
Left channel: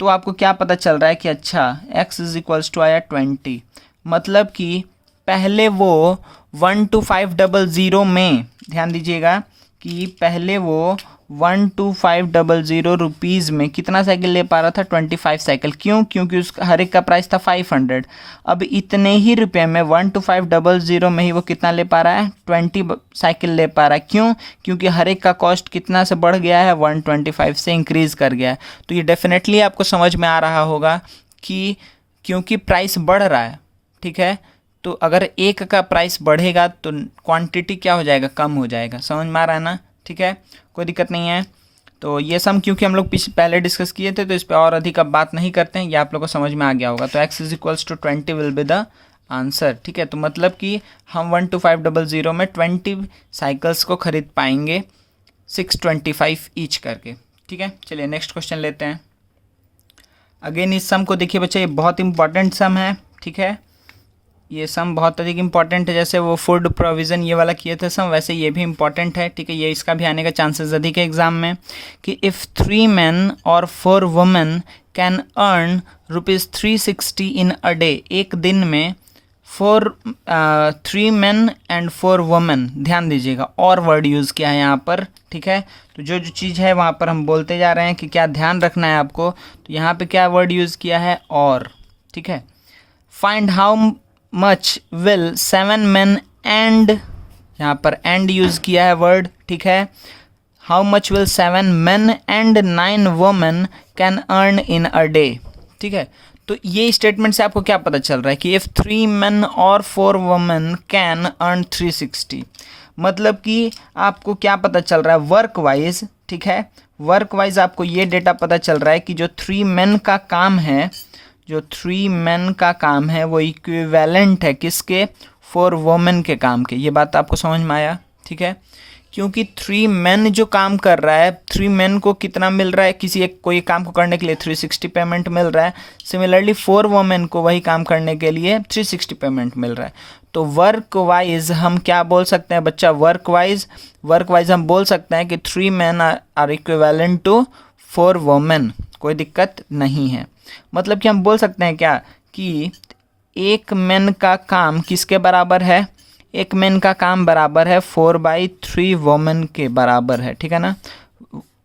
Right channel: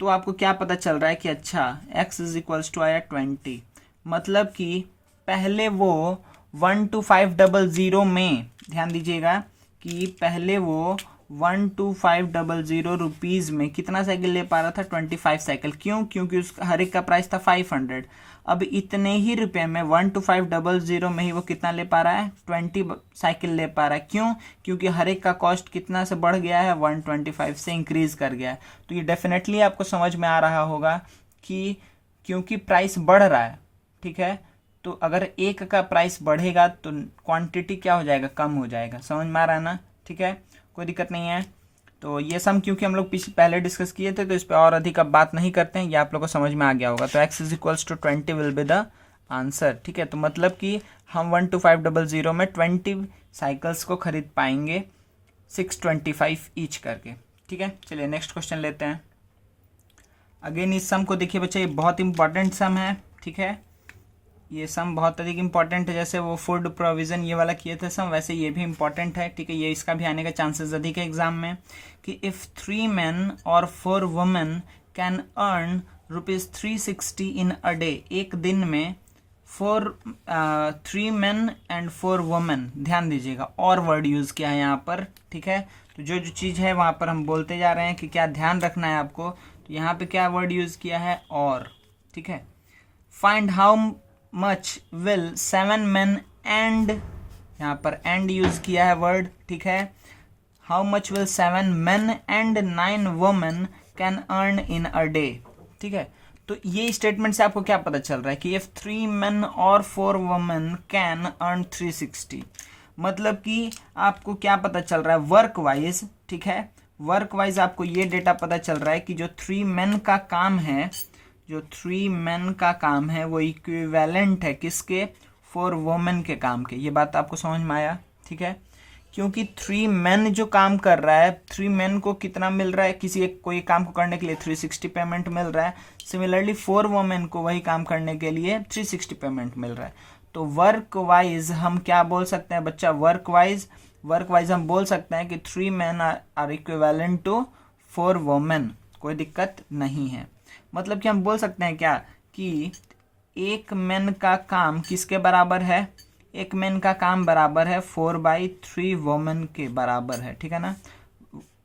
तो आपको क्या पता चल रहा है कि अच्छा x इज इक्वल्स टू आया 20, मतलब कि पहले वो 12500 में, ध्यान दीजिएगा कि पहले वो 12500 रुपीज़ में कितना साइकिल ले पा रहा था? 25 साइकिल। क्यों? क्योंकि उसका हर एक का प्राइस था 500। अब इतने ही रुपए में 12500 में ही वो कितना ले पा रहा है? 20 साइकिल ले पा रहा है। क्यों? क्योंकि हर एक का कॉस्ट कितना से बढ़ गया है? 125 से इंक्रीज़ कर गया है। तो ये डेफिनेटली आपको समझ में आ रहा होगा कि क्योंकि प्राइस बढ़ रहा है, ठीक है, तो अगर एक का प्राइस बढ़ेगा तो क्वांटिटी क्या हो जाएगा? कम हो जाएगा। समझ में आ रहा है ना? ठीक है, कोई दिक्कत नहीं है। तो ये सम क्योंकि हम लोग पहले डिस्कस किए थे तो इस पर और अधिक अब बात नहीं करते हैं, ये आप लोग को समझ में आ गया होगा। तो x = 20 will be the answer. ठीक है, तो मतलब कि हम 12500 में 20 साइकिल्स को खरीद पाएंगे 625 ईच करके। ठीक है, चलिए नेक्स्ट क्वेश्चन लेते हैं। अगेन इस सम को देखिए बच्चे, ये बहुत इंपॉर्टेंट सम है। ठीक है, ये सम बहुत अधिक इंपॉर्टेंट है। जैसे वो फूड प्रोविज़न ये वाला किए थे सम, वैसे ये भी इंपॉर्टेंट है। ठीक है, ये इसका भी आने का चांसेस अधिक है एग्जाम में कि इफ़ 3 men और 4 women can earn ₹360 in a day. एक दिन में 3 men एंड 4 women, ध्यान दीजिएगा, और वर्ड यूज़ किया है यहाँ पर। ठीक है, तो जो जो चीज़ है वहाँ पर हम बोलते जा रहे हैं कि क्या ध्यान रखना है आपको। तो यहाँ पे क्या वर्ड यूज़ किया है? और। ठीक है, find how much will 7 men and, यहाँ पर एंड यूज़ किया है वर्ड। ठीक है, how much will 7 men and 9 women can earn in a day. ठीक है, तो ये स्टेटमेंट से आपको क्या पता चल रहा है कि इफ़ 3 men और 4 women कैन अर्न 360, मतलब कि आपको क्या पता चल रहा है? Work wise. ठीक है, वर्क वाइज आपको ये डेटा पता चल रहा है कि जो 3 men का काम है, जो 3 men का काम है वो इक्विवेलेंट है किसके? 4 women के काम के। ये बात आपको समझ में आया? ठीक है, क्योंकि 3 men जो काम कर रहा है, 3 men को कितना मिल रहा है? किसी एक कोई काम को करने के लिए 360 पेमेंट मिल रहा है। सिमिलरली 4 women को वही काम करने के लिए 360 पेमेंट मिल रहा है। तो वर्क वाइज हम क्या बोल सकते हैं बच्चा? वर्क वाइज हम बोल सकते हैं कि 3 men are equivalent to 4 women। कोई दिक्कत नहीं है। मतलब कि हम बोल सकते हैं क्या कि एक मैन का काम किसके बराबर है? एक मैन का काम बराबर है 4/3 वोमेन के बराबर है। ठीक है ना,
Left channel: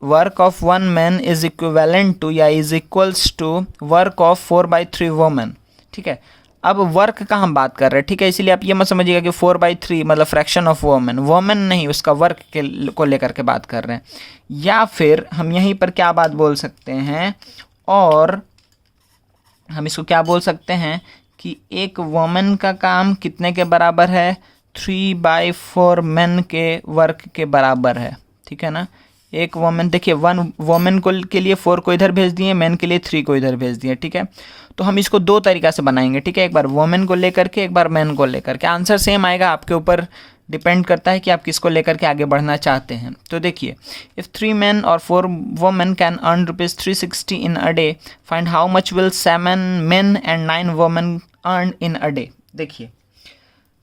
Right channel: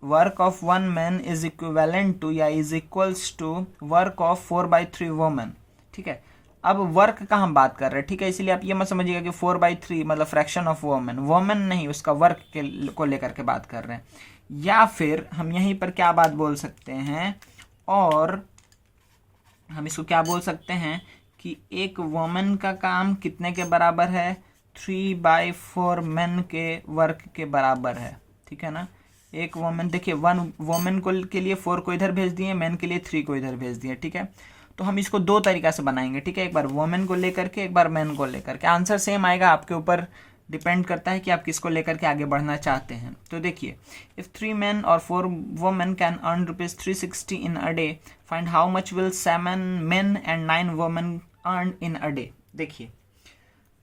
work of 1 man is equivalent to या is equals to work of 4/3 women. ठीक है, अब वर्क का हम बात कर रहे हैं। ठीक है, इसीलिए आप ये मत समझिएगा कि 4/3 मतलब फ्रैक्शन ऑफ वोमेन नहीं, उसका वर्क को लेकर के बात कर रहे हैं। या फिर हम यहीं पर क्या बात बोल सकते हैं, और हम इसको क्या बोल सकते हैं कि एक वोमेन का काम कितने के बराबर है? 3/4 मैन के वर्क के बराबर है। ठीक है ना, एक वोमेन, देखिए 1 वोमेन को के लिए 4 को इधर भेज दिए, मैन के लिए 3 को इधर भेज दिए। ठीक है, तो हम इसको दो तरीका से बनाएंगे। ठीक है, एक बार वोमेन को लेकर के, एक बार मैन को लेकर के। आंसर सेम आएगा, आपके ऊपर डिपेंड करता है कि आप किसको लेकर के आगे बढ़ना चाहते हैं। तो देखिए, इफ़ 3 men और 4 women can earn ₹360 in a day, find how much will 7 men and 9 women earn in a day. देखिए,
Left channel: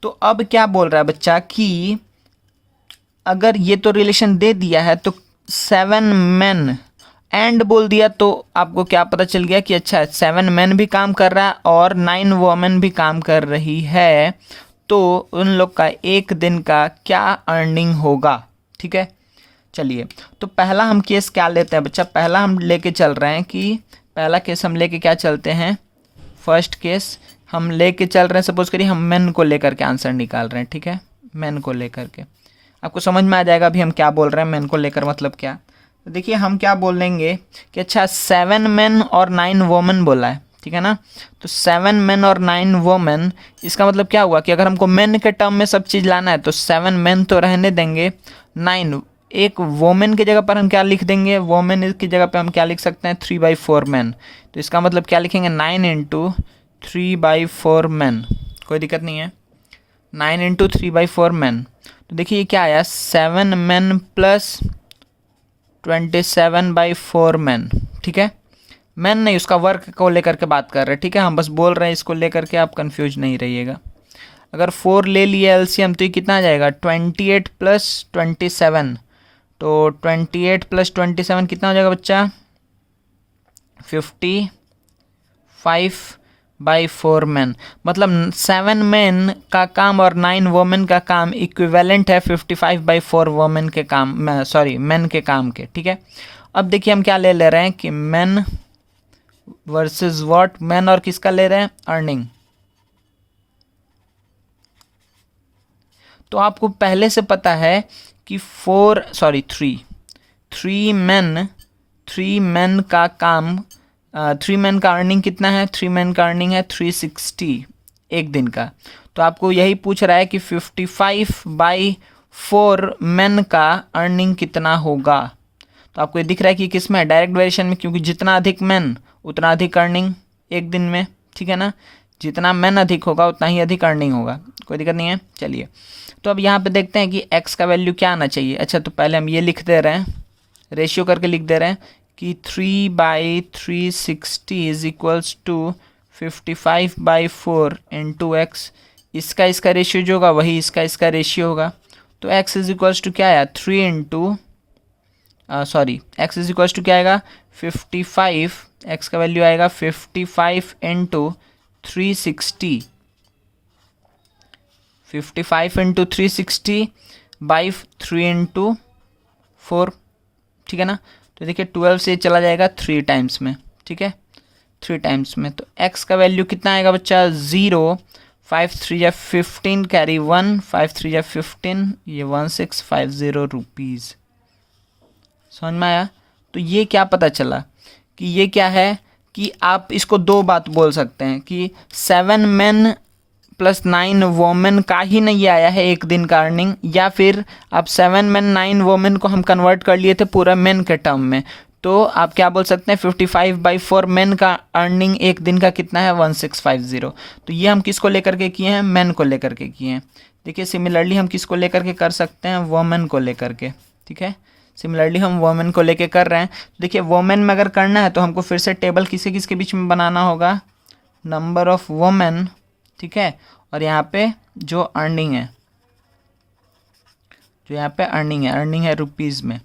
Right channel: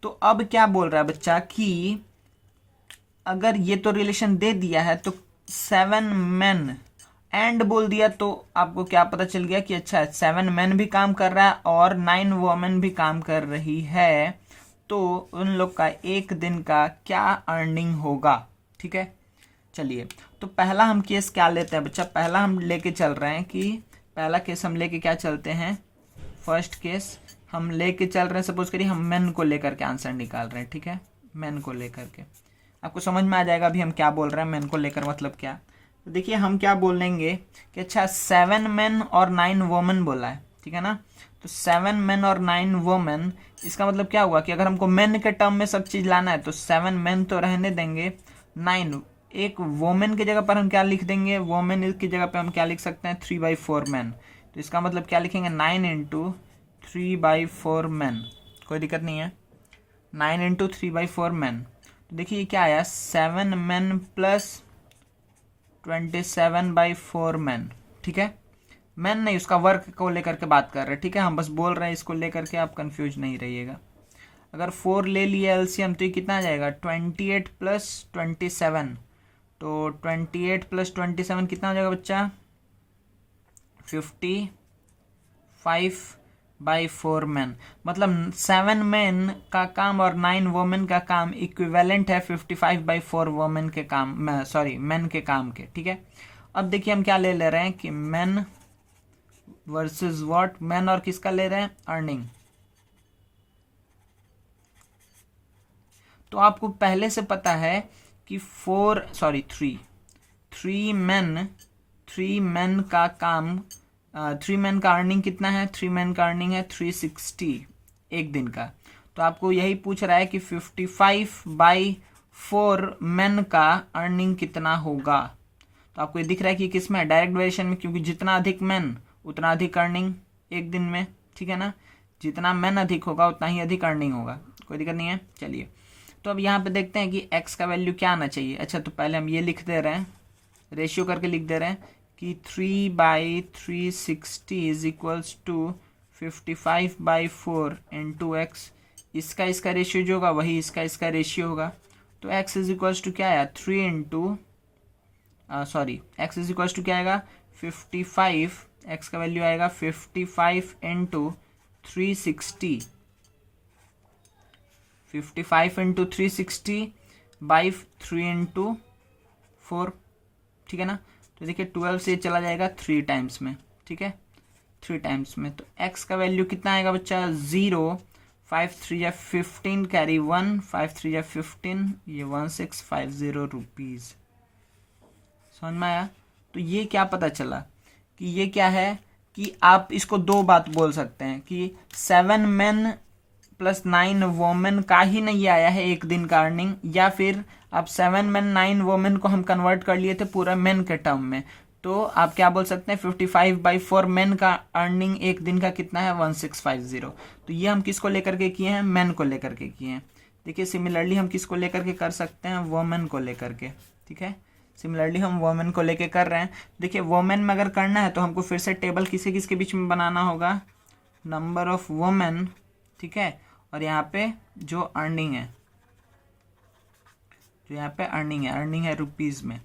तो अब क्या बोल रहा है बच्चा कि अगर ये तो रिलेशन दे दिया है तो 7 men एंड बोल दिया, तो आपको क्या पता चल गया कि अच्छा 7 men भी काम कर रहा है और 9 women भी काम कर रही है, तो उन लोग का एक दिन का क्या अर्निंग होगा। ठीक है, चलिए, तो पहला हम केस क्या लेते हैं बच्चा? पहला हम लेके चल रहे हैं कि पहला केस हम लेके क्या चलते हैं? फर्स्ट केस हम लेके चल रहे हैं, सपोज करिए हम मेन को लेकर के आंसर निकाल रहे हैं। ठीक है, मेन को लेकर के आपको समझ में आ जाएगा अभी हम क्या बोल रहे हैं, मेन को लेकर मतलब क्या। तो देखिए, हम क्या बोलेंगे कि अच्छा 7 men और 9 women बोला है। ठीक है ना, तो 7 men और 9 women, इसका मतलब क्या हुआ कि अगर हमको मेन के टर्म में सब चीज़ लाना है तो 7 men तो रहने देंगे, 9 एक वोमेन की जगह पर हम क्या लिख देंगे? वोमेन की जगह पे हम क्या लिख सकते हैं? 3/4 men। तो इसका मतलब क्या लिखेंगे? 9 × 3/4 men। कोई दिक्कत नहीं है, 9 × 3/4 men। तो देखिए ये क्या आया? 7 men प्लस 27/4 men। ठीक है, मैन नहीं, उसका वर्क को लेकर के बात कर रहे हैं। ठीक है, हम बस बोल रहे हैं इसको लेकर के, आप कंफ्यूज नहीं रहिएगा। अगर 4 ले लिया एलसीएम तो ये कितना आ जाएगा? 28 + 27। तो 28 + 27 कितना हो जाएगा बच्चा? 55 बाई 4 मैन, मतलब 7 मैन का काम और 9 वोमेन का काम इक्विवेलेंट है 55/4 वोमेन के काम, सॉरी मैन के काम के, ठीक है। अब देखिए हम क्या ले रहे हैं कि मैन वर्सेस व्हाट, मैन और किसका ले रहे हैं, अर्निंग। तो आपको पहले से पता है कि 3 मैन का काम, 3 मैन का अर्निंग कितना है, 3 मैन का अर्निंग है 360 एक दिन का। तो आपको यही पूछ रहा है कि 55/4 मैन का अर्निंग कितना होगा। तो आपको ये दिख रहा है कि किस में, डायरेक्ट वेरिएशन में, क्योंकि जितना अधिक मैन उतना अधिक अर्निंग एक दिन में, ठीक है ना। जितना मैन अधिक होगा उतना ही अधिक अर्निंग होगा, कोई दिक्कत नहीं है। चलिए तो अब यहाँ पे देखते हैं कि x का वैल्यू क्या आना चाहिए। अच्छा तो पहले हम ये लिख दे रहे हैं, रेशियो करके लिख दे रहे हैं कि 3/360 is equals to 55/4 into x. इसका रेशियो जो होगा वही इसका रेशियो होगा। तो x इज इक्वल्स टू क्या आया, 3 into x is equals to क्या आएगा 55, x का वैल्यू आएगा 55 इंटू 360, 55 इंटू 360/3 इंटू 4, ठीक है ना। तो देखिए 12 से चला जाएगा 3 टाइम्स में, ठीक है, 3 टाइम्स में। तो x का वैल्यू कितना आएगा बच्चा, 0, 5 3 या 15 कैरी 1, 5 3 या 15, ये 1650 रुपीज़। समझ में आया। तो ये क्या पता चला कि ये क्या है कि आप इसको दो बात बोल सकते हैं कि 7 मैन प्लस 9 वोमेन का ही नहीं आया है एक दिन का अर्निंग, या फिर आप 7 मैन 9 वोमेन को हम कन्वर्ट कर लिए थे पूरा मैन के टर्म में। तो आप क्या बोल सकते हैं 55/4 मैन का अर्निंग एक दिन का कितना है, 1650। तो ये हम किसको लेकर के किए हैं, मैन को लेकर के किए हैं। देखिए सिमिलरली हम किसको लेकर के कर सकते हैं, वोमेन को लेकर के, ठीक है। सिमिलरली हम वोमेन को लेके कर रहे हैं। देखिए वोमेन में अगर करना है तो हमको फिर से टेबल किसके किसके बीच में बनाना होगा, नंबर ऑफ वोमेन, ठीक है, और यहाँ पे जो अर्निंग है, जो यहाँ पे अर्निंग है रुपीज़ में,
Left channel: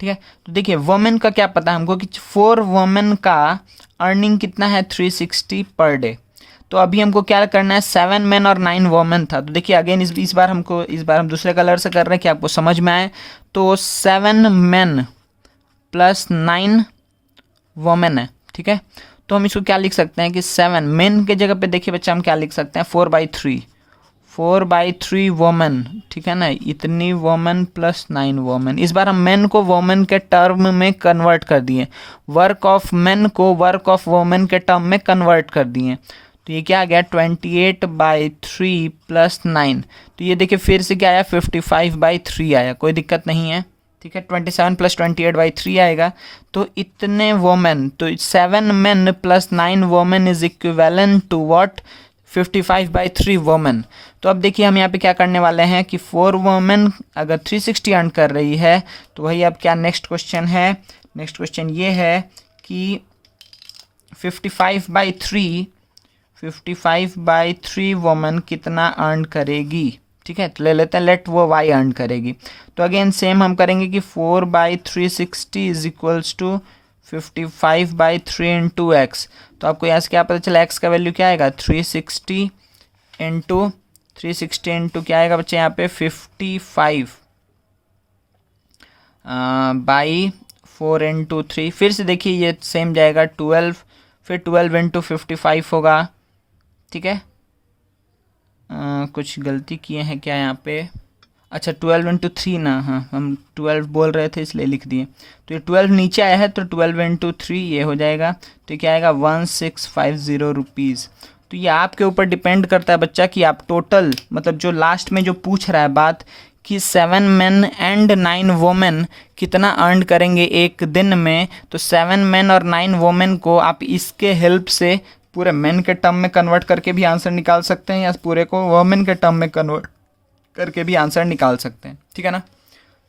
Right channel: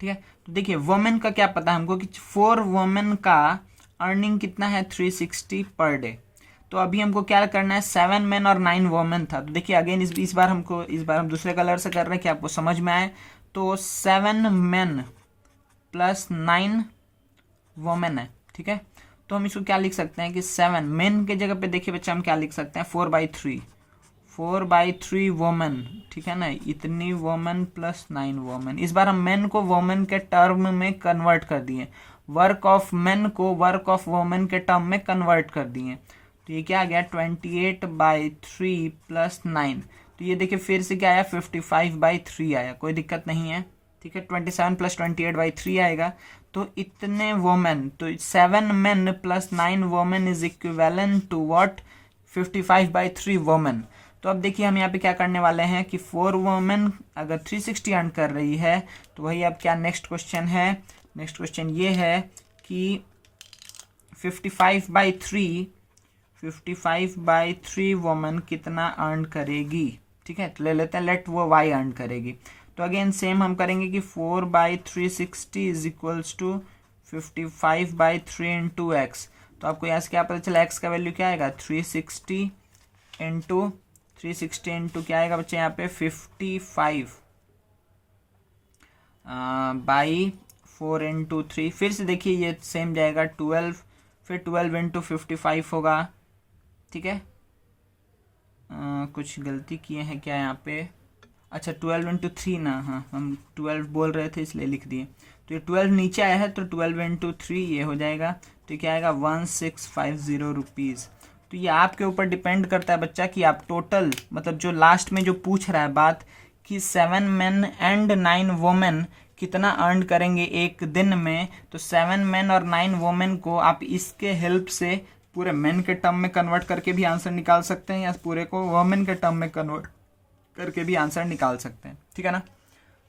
ठीक है। तो देखिए वोमेन का क्या पता हमको कि 4 वोमेन का अर्निंग कितना है 360 पर डे। तो अभी हमको क्या करना है, 7 मैन और 9 वोमेन था। तो देखिए अगेन इस बार हम दूसरे कलर से कर रहे हैं कि आपको समझ में आए। तो 7 मैन प्लस 9 वोमेन है, ठीक है। तो हम इसको क्या लिख सकते हैं कि 7 मैन के जगह पे देखिए बच्चा हम क्या लिख सकते हैं, 4/3 वोमेन, ठीक है ना, इतनी वोमेन प्लस 9 वोमेन। इस बार हम मैन को वोमेन के टर्म में कन्वर्ट कर दिए, वर्क ऑफ मैन को वर्क ऑफ वोमेन के टर्म में कन्वर्ट कर दिए। तो ये क्या आ गया 28/3 प्लस 9। तो ये देखिए फिर से क्या आया 55/3 आया, कोई दिक्कत नहीं है, ठीक है। 27 प्लस 28/3 आएगा। तो इतने वोमेन, तो 7 man plus 9 women is equivalent to what, 55/3 women. तो अब देखिए हम यहाँ पे क्या करने वाले हैं कि 4 वोमेन अगर 360 अर्न कर रही है तो वही अब क्या नेक्स्ट क्वेश्चन है, नेक्स्ट क्वेश्चन ये है कि 55/3 वोमेन कितना अर्न करेगी, ठीक है। तो ले लेते हैं लेट वो y अर्न करेगी। तो अगेन सेम हम करेंगे कि 4/360 is equals to 55/3 into x. तो आपको यहाँ से क्या पता चला, x का वैल्यू क्या आएगा 360 इंटू क्या आएगा बच्चे यहाँ पे 55/4 इंटू 3। फिर से देखिए ये सेम जाएगा 12, फिर 12 इंटू 55 होगा, ठीक है। कुछ गलती किए हैं क्या यहाँ पे, अच्छा 12 इंटू 3 ना, हाँ हम 12 बोल रहे थे इसलिए लिख दिए। तो ये 12 नीचे आया है तो 12 इंटू 3 ये हो जाएगा। तो क्या आएगा 1650 रुपीज़। तो ये आपके ऊपर डिपेंड करता है बच्चा कि आप टोटल, मतलब जो लास्ट में जो पूछ रहा है बात कि 7 मैन एंड 9 वोमेन कितना अर्न करेंगे एक दिन में। तो 7 मैन और 9 वोमेन को आप इसके हेल्प से पूरे मैन के टर्म में कन्वर्ट करके भी आंसर निकाल सकते हैं, या पूरे को वोमेन के टर्म में कन्वर्ट करके भी आंसर निकाल सकते हैं, ठीक है ना।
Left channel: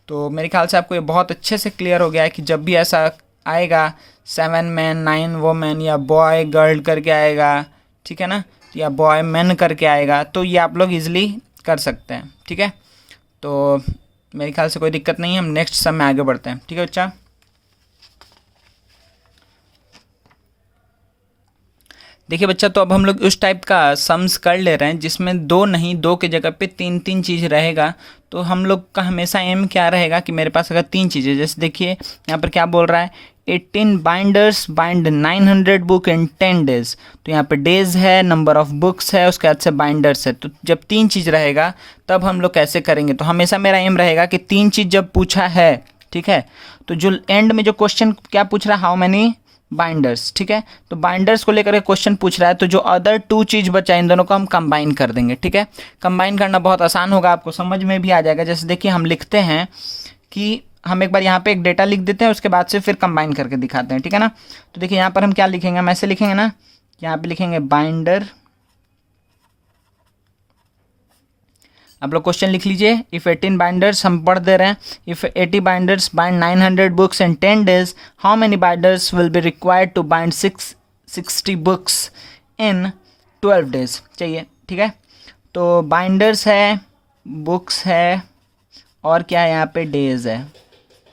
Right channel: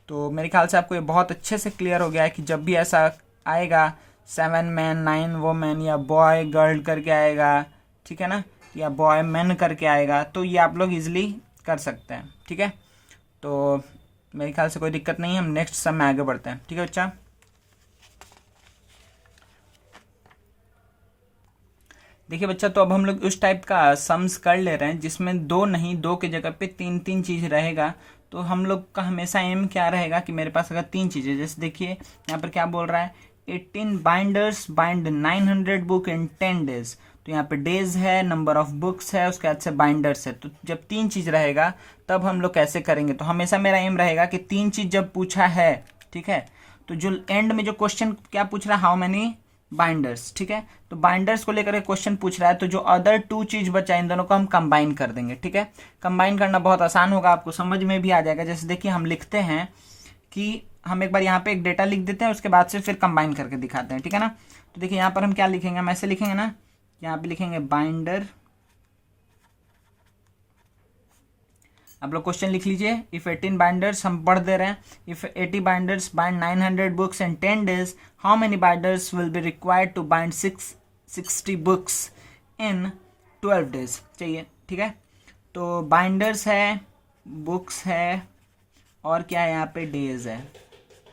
तो मेरे ख्याल से आपको ये बहुत अच्छे से क्लियर हो गया है कि जब भी ऐसा आएगा 7 मैन 9 वोमेन या बॉय गर्ल करके आएगा, ठीक है ना, या बॉय मैन करके आएगा, तो ये आप लोग इजीली कर सकते हैं, ठीक है। तो मेरे ख्याल से कोई दिक्कत नहीं है, हम नेक्स्ट सम में आगे बढ़ते हैं, ठीक है बच्चा। देखिए बच्चा, तो अब हम लोग उस टाइप का सम्स कर ले रहे हैं जिसमें दो नहीं, दो के जगह पे तीन तीन चीज़ रहेगा। तो हम लोग का हमेशा एम क्या रहेगा कि मेरे पास अगर तीन चीज़ें, जैसे देखिए यहाँ पर क्या बोल रहा है, 18 binders bind 900 book in 10 days. तो यहाँ पे डेज है, नंबर ऑफ बुक्स है, उसके बाद से बाइंडर्स है। तो जब तीन चीज़ रहेगा तब हम लोग कैसे करेंगे, तो हमेशा मेरा एम रहेगा कि तीन चीज़ जब पूछा है, ठीक है, तो जो एंड में जो क्वेश्चन क्या पूछ रहा है, हाउ मैनी बाइंडर्स, ठीक है, तो बाइंडर्स को लेकर के क्वेश्चन पूछ रहा है, तो जो अदर टू चीज़ बचा इन दोनों को हम कंबाइन कर देंगे, ठीक है। कंबाइन करना बहुत आसान होगा, आपको समझ में भी आ जाएगा। जैसे देखिए हम लिखते हैं कि हम एक बार यहाँ पे एक डेटा लिख देते हैं, उसके बाद से फिर कंबाइन करके दिखाते हैं, ठीक है ना। तो देखिए यहाँ पर हम क्या लिखेंगे, हम ऐसे लिखेंगे ना, यहाँ पे लिखेंगे बाइंडर। आप लोग क्वेश्चन लिख लीजिए, इफ़ 18 बाइंडर्स, हम पढ़ दे रहे हैं, if 80 binders bind 900 books in 10 days, how many binders will be required to bind 660 books in 12 days चाहिए, ठीक है। तो बाइंडर्स है, बुक्स है, और क्या है यहाँ पे, डेज है,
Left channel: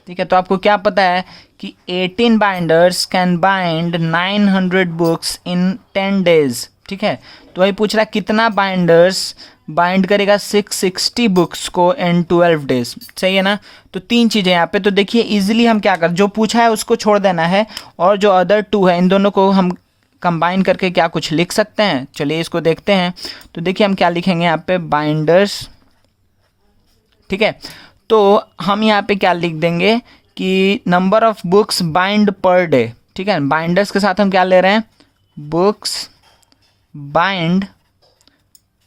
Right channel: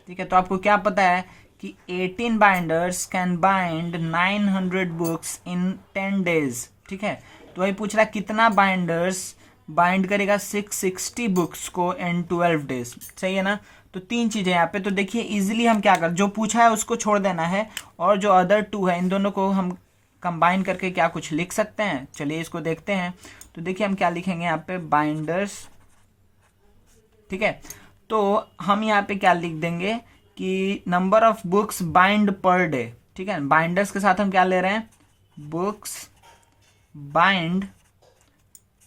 ठीक है। तो आपको क्या पता है कि 18 binders can bind 900 books in 10 days, ठीक है। तो वही पूछ रहा है कितना बाइंडर्स बाइंड करेगा 660 बुक्स को इन 12 डेज, सही है ना। तो तीन चीज़ें यहाँ पे, तो देखिए इजीली हम क्या कर, जो पूछा है उसको छोड़ देना है, और जो अदर टू है इन दोनों को हम कंबाइन करके क्या कुछ लिख सकते हैं। चलिए इसको देखते हैं। तो देखिए हम क्या लिखेंगे यहाँ पे, बाइंडर्स, ठीक है। तो हम यहाँ पे क्या लिख देंगे कि नंबर ऑफ बुक्स बाइंड पर डे, ठीक है। बाइंडर्स के साथ हम क्या ले रहे हैं, बुक्स बाइंड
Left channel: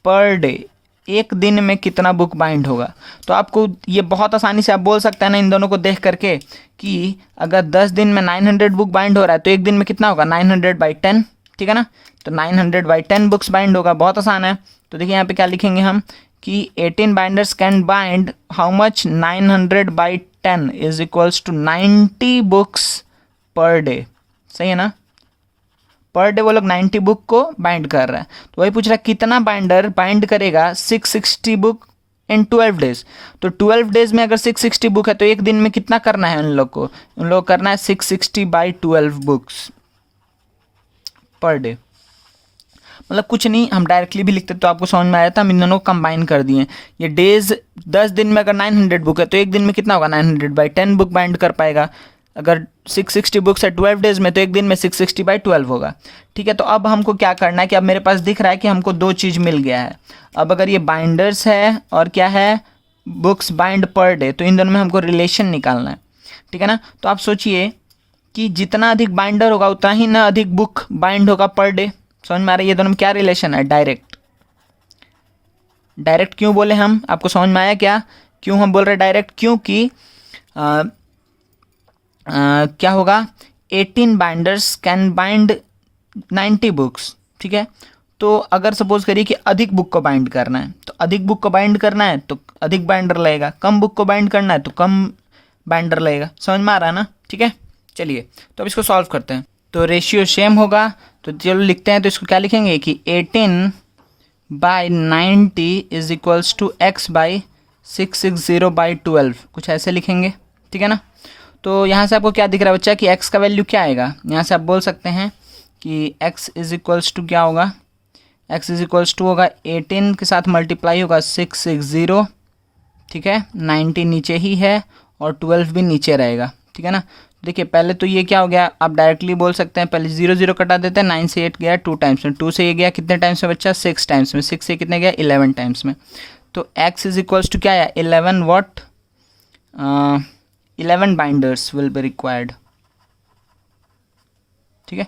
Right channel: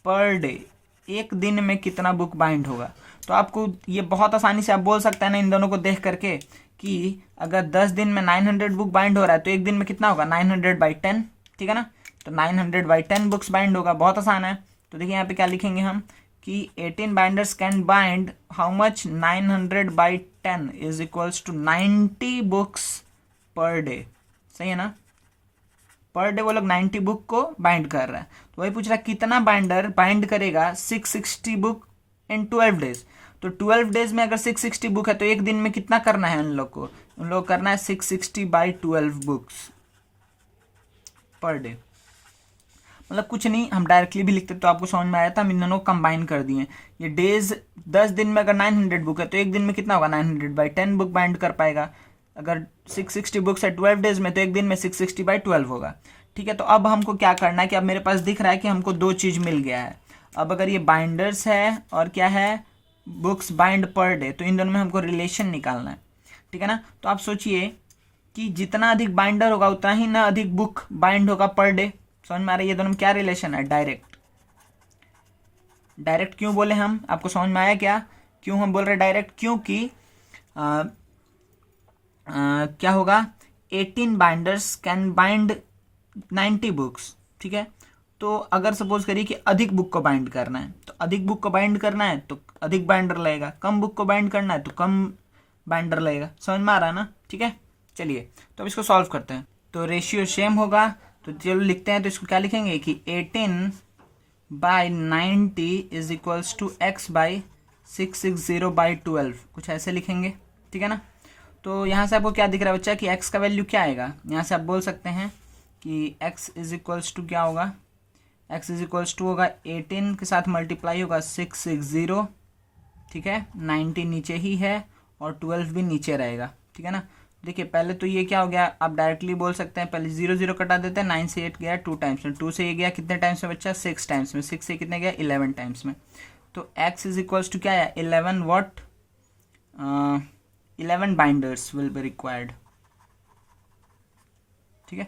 पर डे, एक दिन में कितना बुक बाइंड होगा। तो आपको ये बहुत आसानी से आप बोल सकते हैं ना इन दोनों को देख करके कि अगर 10 दिन में 900 बुक बाइंड हो रहा है तो एक दिन में कितना होगा, 900/10, ठीक है ना। तो 900/10 बुक्स बाइंड होगा, बहुत आसान है। तो देखिए यहाँ पे क्या लिखेंगे हम कि 18 binders can bind how much, 900/10 is equals to 90 books per day, सही है ना। पर डे वो लोग 90 बुक को बाइंड कर रहा है। तो वही पूछ रहा है कितना बाइंडर बाइंड करेगा 660 बुक इन 12 डेज। तो 12 डेज में अगर 660 बुक है तो एक दिन में कितना करना है उन लोग को, उन लोग करना है 660/12 बुक्स पर डे। मतलब कुछ नहीं, हम डायरेक्टली भी लिखते तो आपको समझ में आया था, हम इन दोनों को कंबाइन कर दिए। ये डेज 10 दिन में अगर 900 बुक है तो एक दिन में कितना होगा, 900/10 बुक बाइंड कर पाएगा। अगर 660 बुक्स है 12 डेज में तो एक दिन में 660/12 होगा, ठीक है। तो अब हमको क्या करना है कि अब मेरे पास दिख रहा है कि हमको दो चीज़ मिल गया है। अब अगर ये बाइंडर्स है और क्या है, बुक्स बाइंड पर डे, तो इन दोनों में हमको रिलेशन निकालना है, ठीक है ना। तो आप सोचिए कि जितना अधिक बाइंडर होगा उतना ही ना अधिक बुक बाइंड होगा पर डे। समझ में आ रहा है ये दोनों में क्या रिलेशन है, डायरेक्ट। डायरेक्ट क्यों बोले हम, आपको समझ में आया क्या, क्यों हम बोल रहे डायरेक्ट, क्योंकि क्या होगा, 18 बाइंडर्स कैन बाइंड 90 बुक्स, ठीक है। तो अगर सपोज करिए कि अधिक बुक को बाइंड करना है, तो अधिक बुक को बाइंड करना है तो अधिक बाइंडर लगेगा, कम बुक को बाइंड करना है तो कम बाइंडर लगेगा। समझ में आ रहा है ना, ठीक है। चलिए तो अब इसको सॉल्व करते हैं। तो रेशियो सेम होगा, तो चलो लिखते हैं। तो इसको क्या लिखेंगे कि 18/90 इज इक्वल्स टू x/660/12, कुछ ऐसे लिखेंगे, ठीक है ना। तो यहाँ से आपको क्या दिख रहा है बच्चा कि x का वैल्यू क्या आएगा, यहाँ से आप बोल सकते हैं कि x इज इक्वल्स टू क्या होगा, x इज इक्वल्स टू होगा 18 के साथ मल्टीप्लाई होगा 660, ठीक है। 90 नीचे ही है और 12 भी नीचे रहेगा, ठीक है ना। देखिए पहले तो ये क्या हो गया, आप डायरेक्टली बोल सकते हैं, पहले 0 0 कटा देते हैं, 9 से 8 गया 2 टाइम्स में, 2 से ये गया कितने टाइम्स में बच्चा, 6 टाइम्स में, 6 से कितने गया 11 टाइम्स में। तो x इज इक्वल्स टू क्या है, 11 what, 11 binders will be required, ठीक है।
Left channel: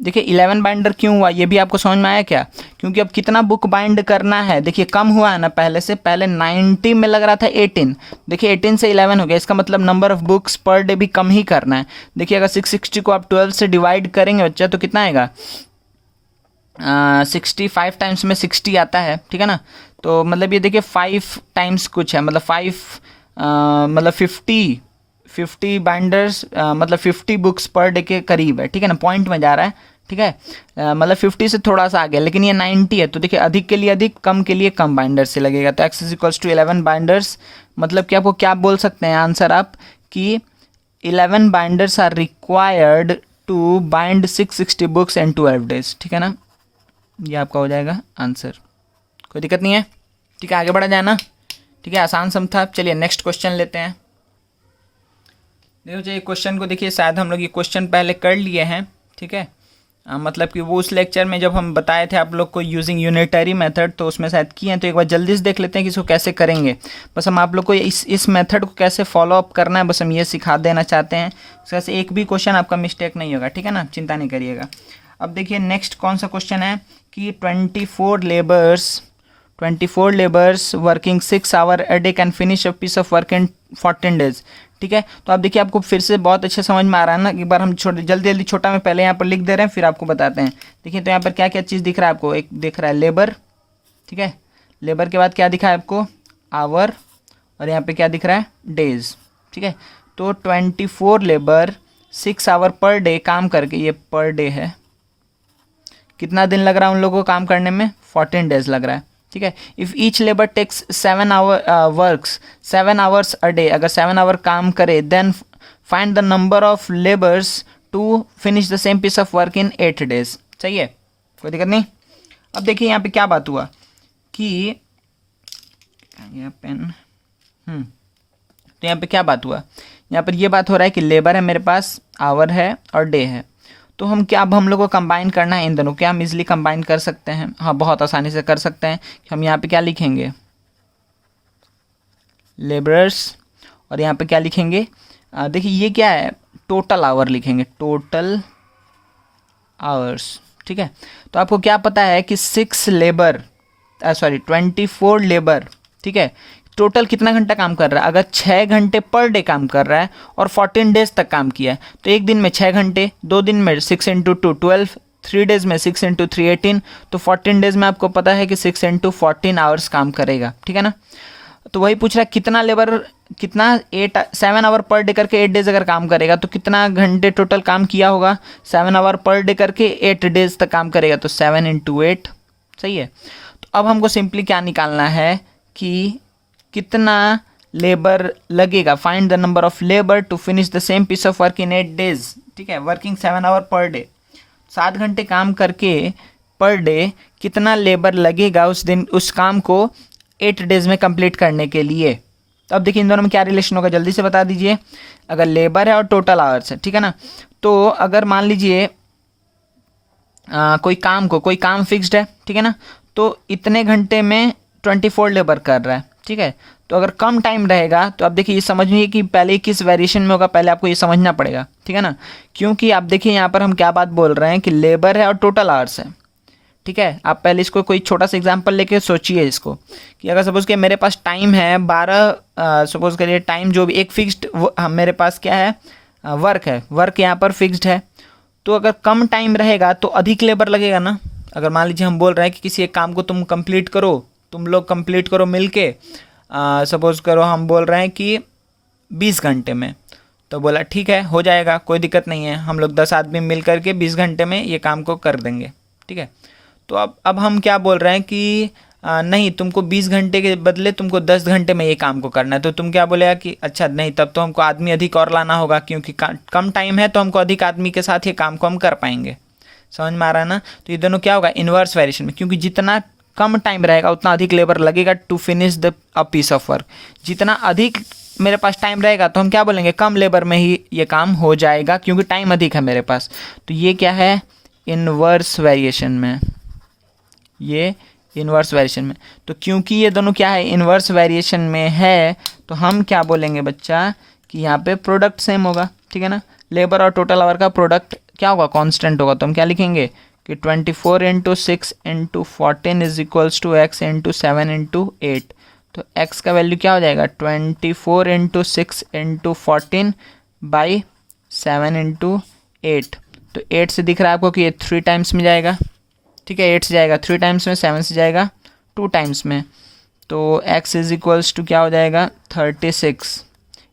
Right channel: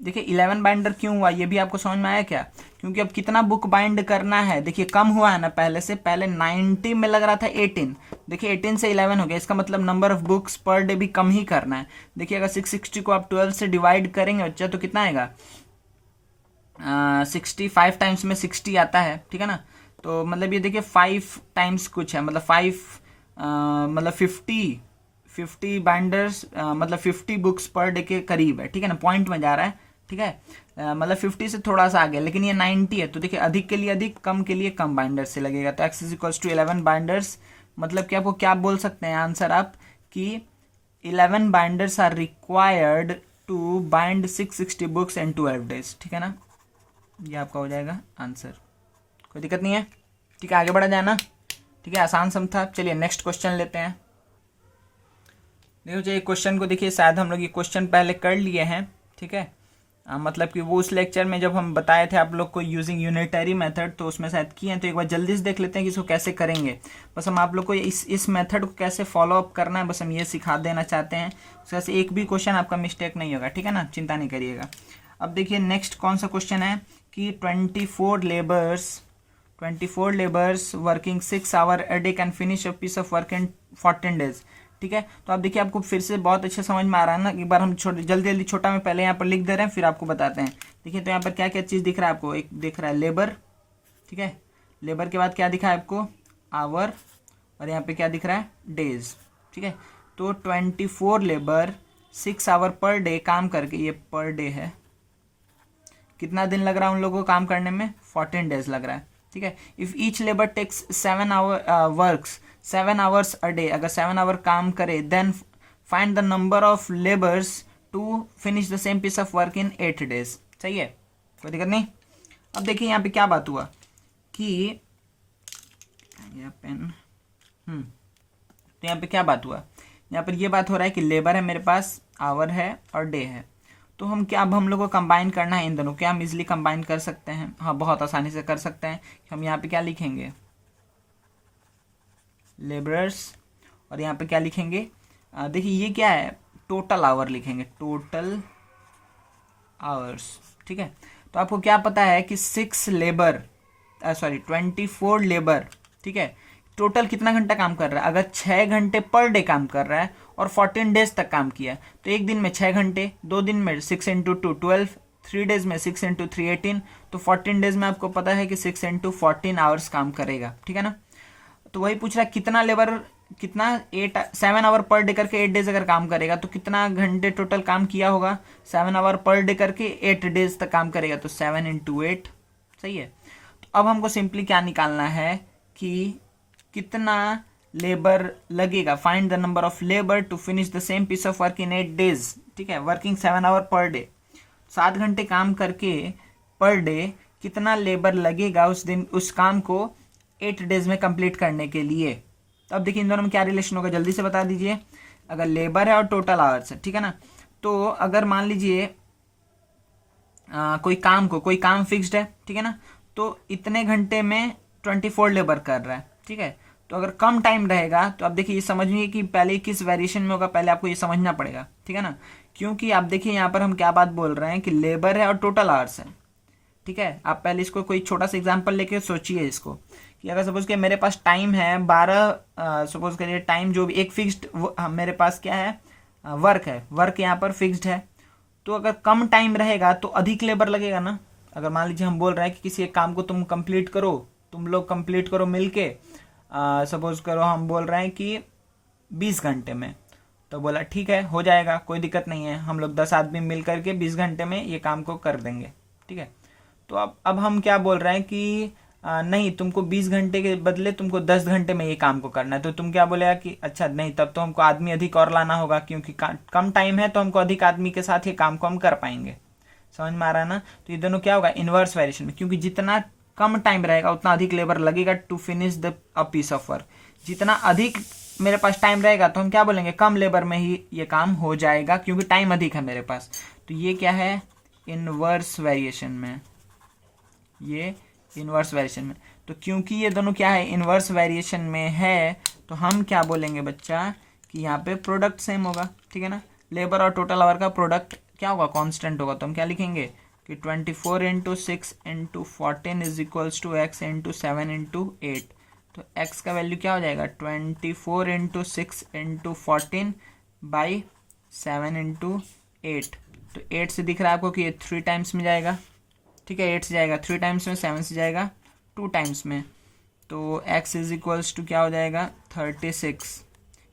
देखिए 11 बाइंडर क्यों हुआ ये भी आपको समझ में आया क्या, क्योंकि अब कितना बुक बाइंड करना है, देखिए कम हुआ है ना पहले से, पहले 90 में लग रहा था 18, देखिए 18 से 11 हो गया, इसका मतलब number of books per day भी कम ही करना है। देखिए अगर 660 को आप 12 से डिवाइड करेंगे बच्चा तो कितना आएगा, 65 टाइम्स में 60 आता है, ठीक है ना। तो मतलब ये देखिए 5 टाइम्स कुछ है, मतलब 5 मतलब 50 बाइंडर्स मतलब 50 बुक्स पर डे के करीब है, ठीक है ना, पॉइंट में जा रहा है, ठीक है। मतलब 50 से थोड़ा सा आ गया, लेकिन ये 90 है, तो देखिए अधिक के लिए अधिक, कम के लिए कम बाइंडर्स से लगेगा। तो x is equals to 11 binders, मतलब कि आपको क्या बोल सकते हैं आंसर आप कि 11 binders are required to bind 660 books and 12 days, ठीक है ना, ये आपका हो जाएगा आंसर। कोई दिक्कत नहीं है, ठीक है, आगे बढ़ा जाए ना, ठीक है, आसान सम था। चलिए नेक्स्ट क्वेश्चन लेते हैं। देखो जो ये क्वेश्चन को देखिए, शायद हम लोग ये क्वेश्चन पहले कर लिए हैं, ठीक है, मतलब कि वो उस लेक्चर में जब हम बताए थे आप लोग को यूजिंग यूनिटरी मेथड, तो उसमें शायद किए हैं, तो एक बार जल्दी से देख लेते हैं कि इसको कैसे करेंगे। बस हम आप लोग को इस मेथड को कैसे फॉलो अप करना है, बस हम ये सिखा देना चाहते हैं। उससे एक भी क्वेश्चन आपका मिस्टेक नहीं होगा, ठीक है ना, चिंता नहीं करिएगा। अब देखिए नेक्स्ट कौन सा क्वेश्चन है कि 24 labours working 6 hour a day can finish a piece of work in 14 days, ठीक है। तो आप देखिए आपको फिर से बहुत अच्छे समझ में आ रहा है ना, एक बार हम जल्दी जल्दी छोटा में पहले यहाँ पर लिख दे रहे हैं, फिर आपको बताते हैं। देखिए तो यहाँ पर क्या क्या चीज़ दिख रहा है आपको, एक दिख रहा है लेबर, ठीक है, लेबर के बाद क्या दिखा है आपको, आवर, और यहाँ पे क्या दिख रहा है, डेज, ठीक है। तो 24 लेबर 6 आवर पर डे काम करके, ये पर डे है, कितना दिन लग रहा है उन लोगों को काम करने में, 14 डेज लग रहा है, ठीक है। If each labour takes 7 hour works 7 hours a day, अगर 7 आवर काम करे, then find the number of labours to finish the same piece of work in 8 days. सही है, कोई दिक्कत नहीं। अब देखिए यहाँ पे क्या बात हुआ कि यहाँ पेन तो यहाँ पे क्या बात हुआ, यहाँ पर ये बात हो रहा है कि लेबर है मेरे पास, आवर है और डे है, तो हम क्या, अब हम लोग को कंबाइन करना है इन दोनों, क्या हम इजीली कंबाइन कर सकते हैं, हाँ बहुत आसानी से कर सकते हैं। हम यहाँ पे क्या लिखेंगे, लेबरर्स, और यहाँ पे क्या लिखेंगे, देखिए ये क्या है, टोटल आवर लिखेंगे, टोटल आवर्स, ठीक है। तो आपको क्या पता है कि 24 लेबर, ठीक है, टोटल कितना घंटा काम कर रहा है, अगर 6 घंटे पर डे काम कर रहा है और 14 डेज तक काम किया है, तो एक दिन में 6 घंटे, 2 दिन में 6 इंटू 2 12, 3 डेज में 6 इंटू 3 18, तो 14 डेज में आपको पता है कि 6 इंटू 14 आवर्स काम करेगा, ठीक है ना। तो वही पूछ रहा है कितना लेबर, कितना 7 आवर पर डे करके 8 डेज अगर काम करेगा तो कितना घंटे टोटल काम किया होगा, 7 आवर पर डे करके 8 डेज तक काम करेगा, तो 7 इंटू 8, सही है। तो अब हमको सिंपली क्या निकालना है कि कितना लेबर लगेगा, find the number of labour to finish the same piece of work in 8 days, ठीक है, वर्किंग 7 आवर पर डे, 7 घंटे काम करके पर डे कितना लेबर लगेगा उस दिन उस काम को 8 डेज में कंप्लीट करने के लिए। तो अब देखिए इन दोनों में क्या रिलेशन होगा, जल्दी से बता दीजिए। अगर लेबर है और टोटल आवर्स है, ठीक है ना, तो अगर मान लीजिए कोई काम फिक्स्ड है, ठीक है ना, तो इतने घंटे में 24 लेबर कर रहा है, ठीक है। तो अगर कम टाइम रहेगा तो आप देखिए ये समझिए कि पहले किस वेरिएशन में होगा, पहले आपको ये समझना पड़ेगा, ठीक है ना, क्योंकि आप देखिए यहाँ पर हम क्या बात बोल रहे हैं कि लेबर है और टोटल आवर्स है, ठीक है। आप पहले इसको कोई छोटा सा एग्जांपल लेके सोचिए इसको, कि अगर सपोज कि मेरे पास टाइम है 12, सपोज करिए टाइम जो भी एक फिक्स्ड मेरे पास क्या है, वर्क है, वर्क यहाँ पर फिक्स्ड है, तो अगर कम टाइम रहेगा तो अधिक लेबर लगेगा ना। अगर मान लीजिए हम बोल रहे हैं कि किसी एक काम को तुम लोग कंप्लीट करो मिलके, सपोज करो हम बोल रहे हैं कि 20 घंटे में, तो बोला ठीक है हो जाएगा, कोई दिक्कत नहीं है, हम लोग 10 आदमी मिल करके 20 घंटे में ये काम को कर देंगे, ठीक है। तो अब हम क्या बोल रहे हैं कि नहीं, तुमको 20 घंटे के बदले तुमको 10 घंटे में ये काम को करना है, तो तुम क्या बोलेगा कि अच्छा नहीं, तब तो हमको आदमी अधिक और लाना होगा, क्योंकि कम टाइम है तो हमको अधिक आदमी के साथ ये काम को हम कर पाएंगे। समझ में आ रहा है ना। तो ये दोनों क्या होगा, इन्वर्स वेरिएशन में, क्योंकि जितना कम टाइम रहेगा उतना अधिक लेबर लगेगा to finish the a piece of work. जितना अधिक मेरे पास टाइम रहेगा तो हम क्या बोलेंगे, कम लेबर में ही ये काम हो जाएगा, क्योंकि टाइम अधिक है मेरे पास। तो ये क्या है, इन्वर्स वेरिएशन में, ये इन्वर्स वेरिएशन में। तो क्योंकि ये दोनों क्या है, इन्वर्स वेरिएशन में है, तो हम क्या बोलेंगे बच्चा कि यहाँ पे प्रोडक्ट सेम होगा, ठीक है ना। लेबर और टोटल आवर का प्रोडक्ट क्या होगा, कांस्टेंट होगा। तो हम क्या लिखेंगे कि 24 into 6 into 14 is equals to x into 7 into 8। तो x का वैल्यू क्या हो जाएगा, 24 इंटू 6 इंटू 14 बाई 7 इंटू 8। तो 8 से दिख रहा है आपको कि ये 3 टाइम्स में जाएगा, ठीक है, 8 से जाएगा 3 टाइम्स में, 7 से जाएगा 2 टाइम्स में। तो x इज इक्वल्स टू क्या हो जाएगा, 36।